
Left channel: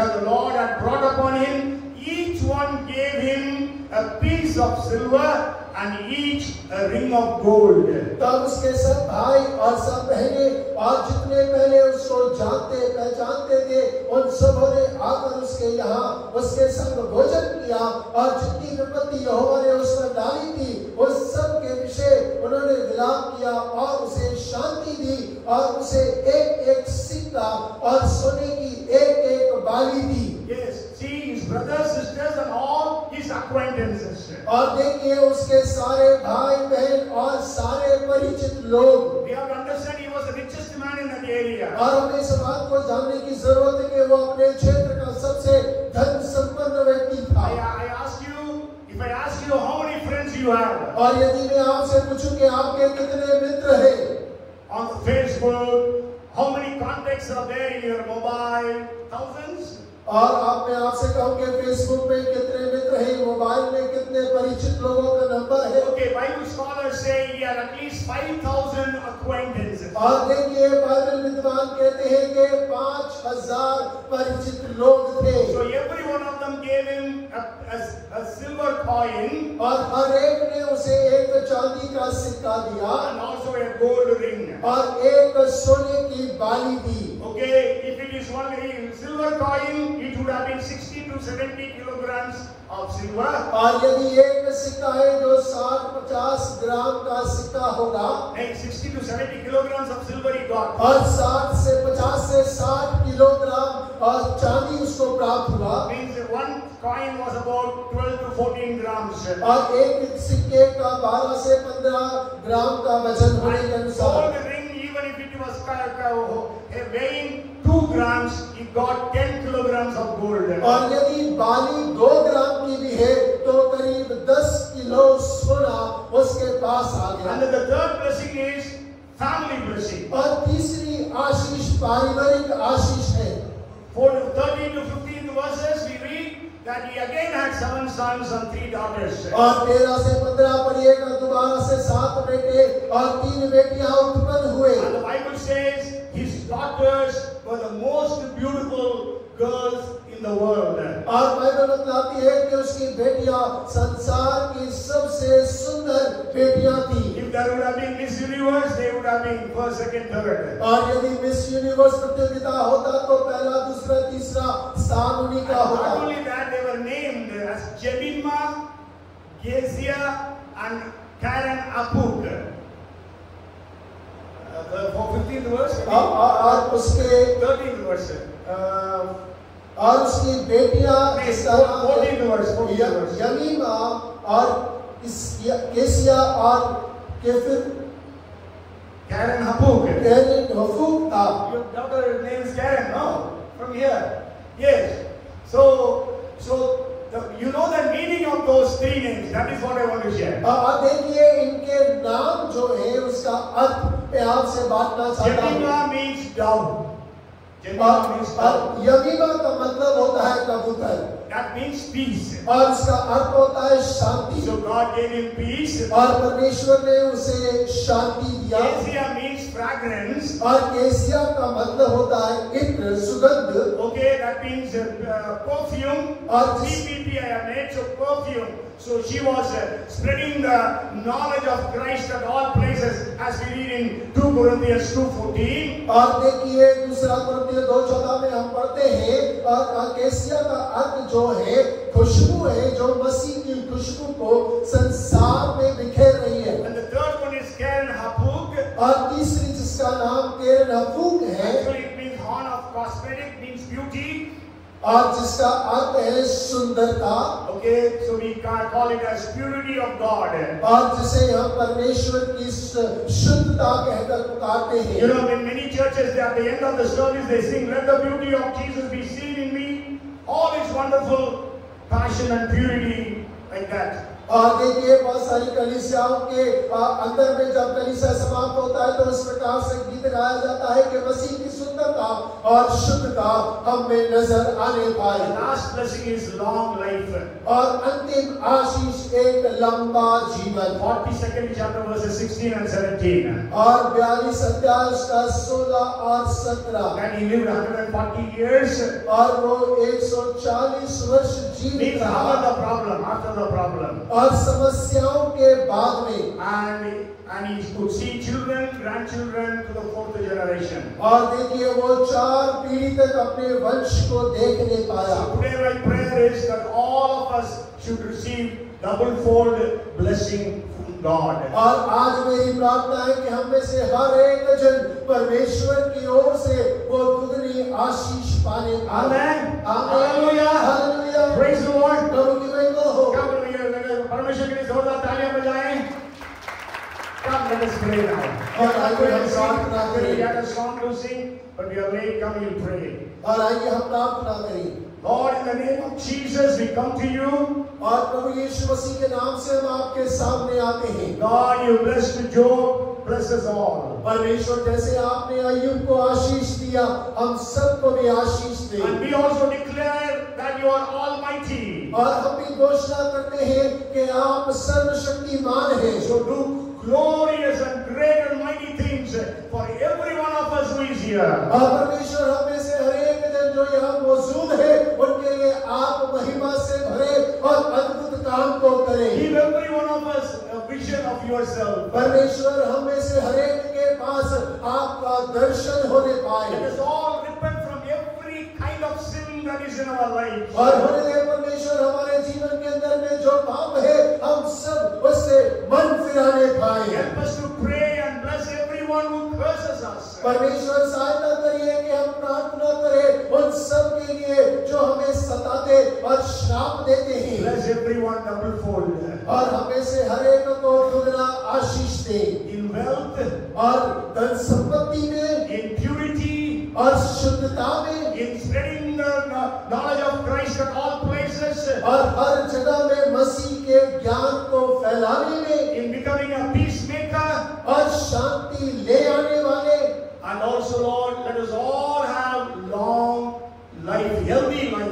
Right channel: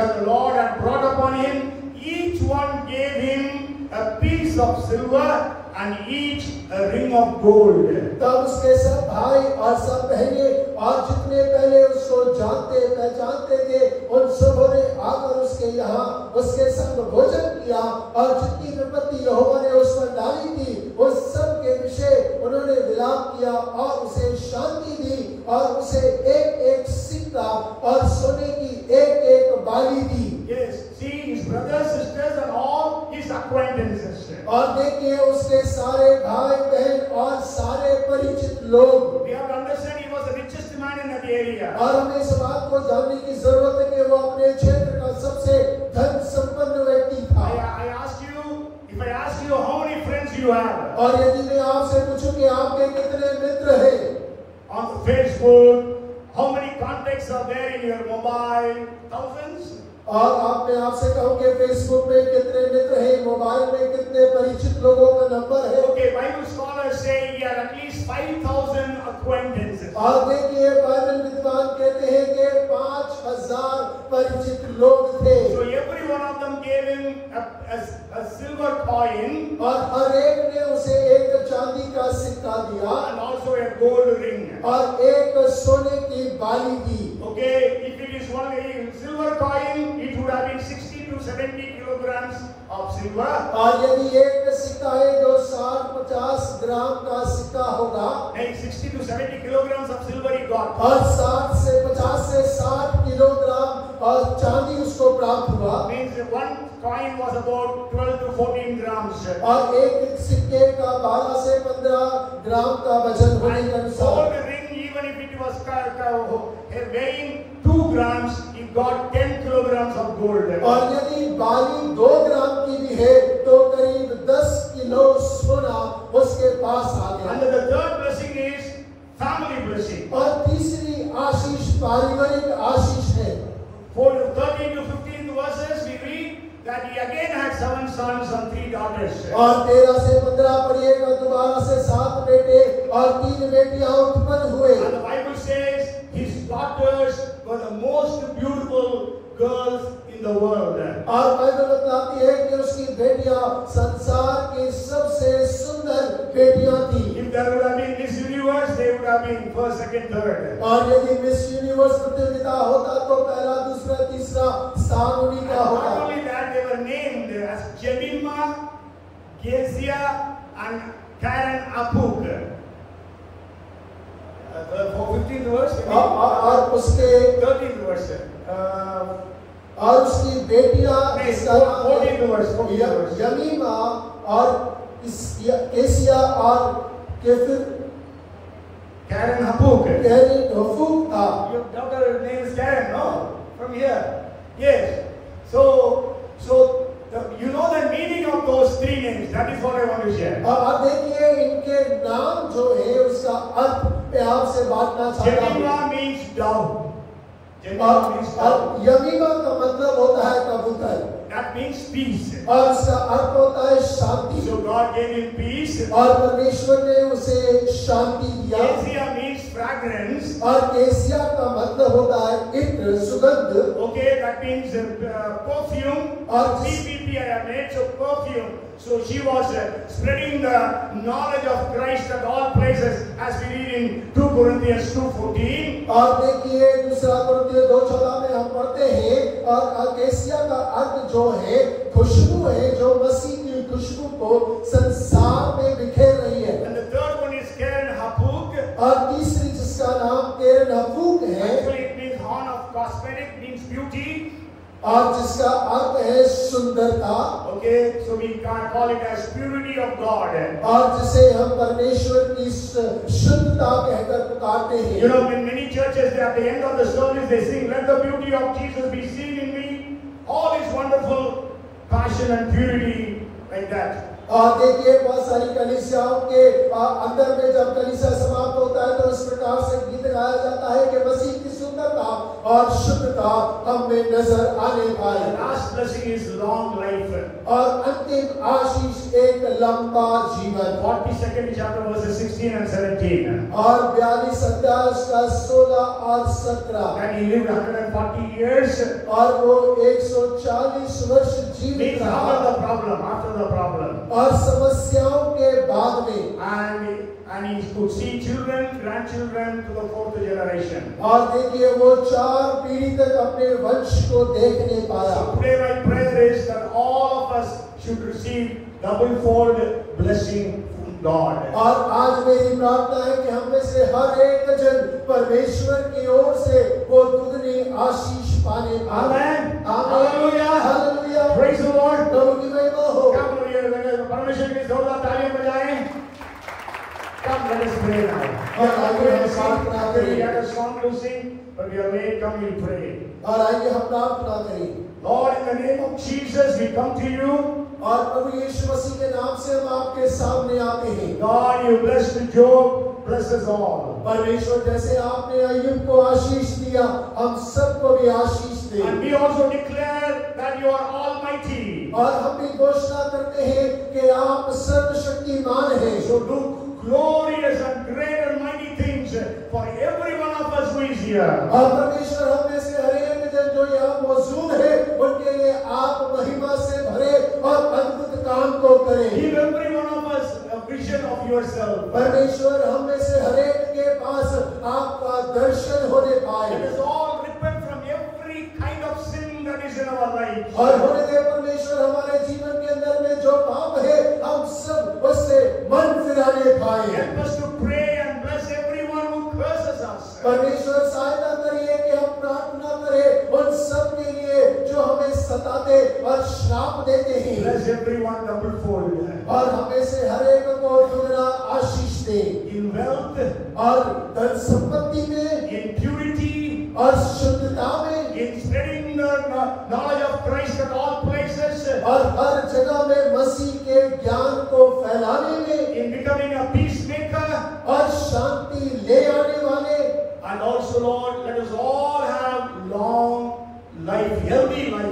that the Lord had brought upon him, each one gave him a piece of silver and each a ring of gold. तब उसके सब भाई और सब बहनें और जितने पहले उसको जानते पहचानते थे उन सबों ने आकर उसके यहाँ उसके संग भोजन किया और जितनी विपत्ति यहोवा ने उस पर डाली थी उस सब के विषय उन्होंने विलाप किया और उसे शांति दी और उसे एक एक सिक्का और सोने की एक एक बाली दी. Yes, see his brothers, sisters and all his acquaintances. और देखिए उसके सारे भाई बहन और सारे परिचित लोग. We have to understand he was the richest man in that area. और हमें इस बात को जानने की जरूरत है कि वो अपने क्षेत्र का सबसे धन संपन्न व्यक्ति था. I ask you, if I ask you how many friends you have, और यदि मैं आपसे पूछूं कि आपके कितने मित्र हैं on the Facebook, how many contacts are there in your mobile? Thousands. और मैं आपसे कहूं कि फेसबुक में कितने मित्र हैं, मोबाइल में कितने परिचित लोगों का नंबर है. Okay, Bible scholars say he had at least 5,000 acquaintances. और देखिए बाइबल विद्वान कहते हैं कि 5,000 परिचित लोग थे. So every one of them gave him a silver coin और हर एक ने उसे एक चांदी का सिक्का दिया and also a gold ring. और एक सोने की बाली दी. Okay, if it is only silver coin, it would have been 60 to 70 kilograms of silver. और यदि एक सिक्का है जो 60-50 ग्राम का सिक्का होगा, 60 to 70 kilograms of silver he got. और 50 से 60 किलोग्राम और चांदी उसको प्राप्त हुआ. Means one coin was about 12 to 14 grams. और एक सिक्के का 12 से 15 ग्राम का वजन होने के अनुसार. Gold ring, even if it was weighing 2 grams, he got 10 kilograms of gold. और यदि बाली 2 ग्राम की भी है तो करीब 10 किलो सोना उसके पास आ गया. And the third blessing is family blessing. और तीसरी आशीष पारिवारिक आशीष है. For 13 to 15 verses we read that he again had 7 sons and 3 daughters. और 13 से 15 पढ़िएगा, दोबारा से 7 बेटे और 3 बेटियां उत्पन्न हुए. And the Bible says his daughters were the most beautiful girls in the world. और बाइबल बताती है कि उसकी बेटियां संसार की सबसे सुंदर बेटियां थी. If there would have been Miss Universe, they would have been first, second, third. और यदि मिस यूनिवर्स प्रतियोगिता होता तो पहला, दूसरा, तीसरा स्थान उन्हीं का Not होता. only that, they were named as Jemima, Kezia, and Karen Apuk. The 15th verse. और उसके 13th verse. और उसकी बेटियां 14th verse. यमीमा और केसिया और केफिर Karen Apuk. कैरिन हफूक था. Your daughter's name is Karen, no? From here. Yes. So you know the meaning of those 3 names. That is what I want to share. अब देखिए इनके नाम जो है उसका अर्थ मैं आपसे बांटना चाहता हूँ. Jemima means dove. Jemima means dove. Jemimah का मतलब होता है कबूतर. That means peace. और उसका अर्थ होता है शांति. So God gave him peace. और परमेश्वर ने उसे शांति दिया. Kezia means fragrance. और केसिया का मतलब होता है इत्र, सुगंध. Okay, that means perfume. और CPP I have made, so perfume. So she was spreading the knowledge of Christ at all places, as we read in 2 Corinthians 2:14. और देखिए दूसरा कुरिन्थियों 2:14 में हम पढ़ते हैं और केसिया का अर्थ जो है खुशबू है जो मसीह की खुशबू को संसार में बिखेर रही है. And the third one is Karen Hapuk. और तीसरी जिसका नाम कैरन हफूक है. Actually it means horn of cosmetic, means beauty. और जिसका अर्थ है सुंदरता. Okay, so we can call it as purity of God. और जिसे हम परमेश्वर की शुद्धता कहकर पुकारते हैं. You know, in many churches, at the end of the service, they sing, "Let the beauty of Jesus be seen in me." All is wonderful passion and purity, like that. और देखिए बहुत सारी कलीसियाओं के अंदर में जब कलीसिया समाप्त होता है तो इस प्रकार से गीत गाया जाता है कि मसीह की सुंदरता और शुद्धता स्थिरता हम में नजर आने The पाए। last blessing is long life. और अंतिम आशीष एक लंबा जीवन। 42nd chapter verses 16 and 17. और 42 अध्याय उसका 16 और 17। And he lived 140 years. और वो 140 वर्ष जीवित Means रहा। after the problem. और समस्याओं के बाद में And he could see children, grandchildren to the 4th generation. और देखिए वो 4 पीढ़ी तक अपने वंश को देखने पाया। So today my prayer is that all of us should receive double-fold blessing from God. और आज मेरी प्रार्थना है कि हम में से हर एक जन परमेश्वर की ओर से वो दुगनी आशीष पाने। Amen. Hallelujah, hallelujah. Praise the Lord. प्रभु की महिमा हो। क्या बोलिए? परमेश्वर के लिए जोरदार तालियां बजाएं। Come, let us pray now. और आइए हम प्रार्थना करें। We had a song to sing, but we are late. Come, we'll pray. और आइए हम प्रार्थना करें। Lord, in the name of Jesus, we come to you. और प्रभु यीशु मसीह के नाम से हम आपके सामने आते हैं। God, you blessed Job, bless us all. परमेश्वर जैसे आपने अय्यूब को आशीष दिया, हम सबको भी आशीष दें। And we also declare that you are almighty. और हम भी घोषणा करते हैं कि आप सर्वशक्तिमान हैं। So do glorious and great and mighty things for every one of us who is here. और परमेश्वर हम में से हर एक जन जो यहाँ मौजूद है, उनके लिए आप महिमा से भरे और अद्भुत काम को करें। Give every one of us a vision of yourself. परमेश्वर हम में से हर एक के पास आपका दर्शन होने पाए। Let us all repent from every kind of sin that is in our life. और होने दे परमेश्वर हमारे जीवन के अंदर में जो पाप है, हम सब उससे मन फिराने पाए। Help us to pray and bless everyone who curses us. परमेश्वर सहायता करिए कि हम प्रार्थना करें उन सब के लिए जो हमें सताते और श्राप देते हैं। Bless everyone double-fold. और हमें से हर एक को दुगना आशीष दे। In wealth, और धन संपत्ति में, in purity, और शुद्धता में, in spreading the knowledge of Christ at all places, और हर जगह में मसीह के ज्ञान को फैलाने में, in becoming a peacemaker, और शांति ले आने वाले। and also, Lord, let us all have long life, healthy life.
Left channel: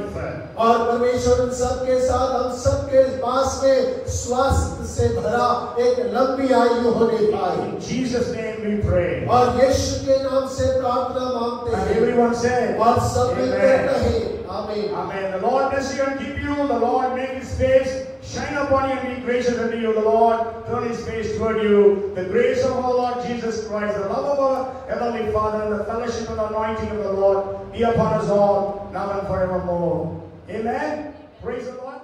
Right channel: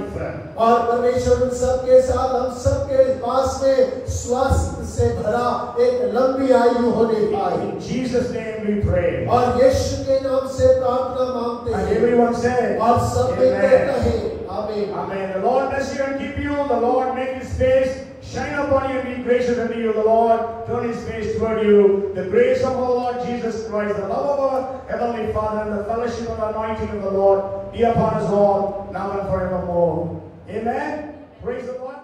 और परमेश्वर उन सबके साथ हम सबके पास में स्वास्थ्य से भरा एक लंबी आयु होने पाए। In Jesus' name we pray. और यीशु के नाम से प्रार्थना मांगते And हैं। everyone said, और सब मिलकर Amen. कहें, आमीन। Amen. The Lord bless you and keep you. The Lord make His face shine upon you and be gracious unto you. The Lord turn His face toward you. The grace of our Lord Jesus Christ, the love of our Heavenly Father, and the fellowship and anointing of the Lord be upon us all, now and forevermore. Amen. Praise the Lord.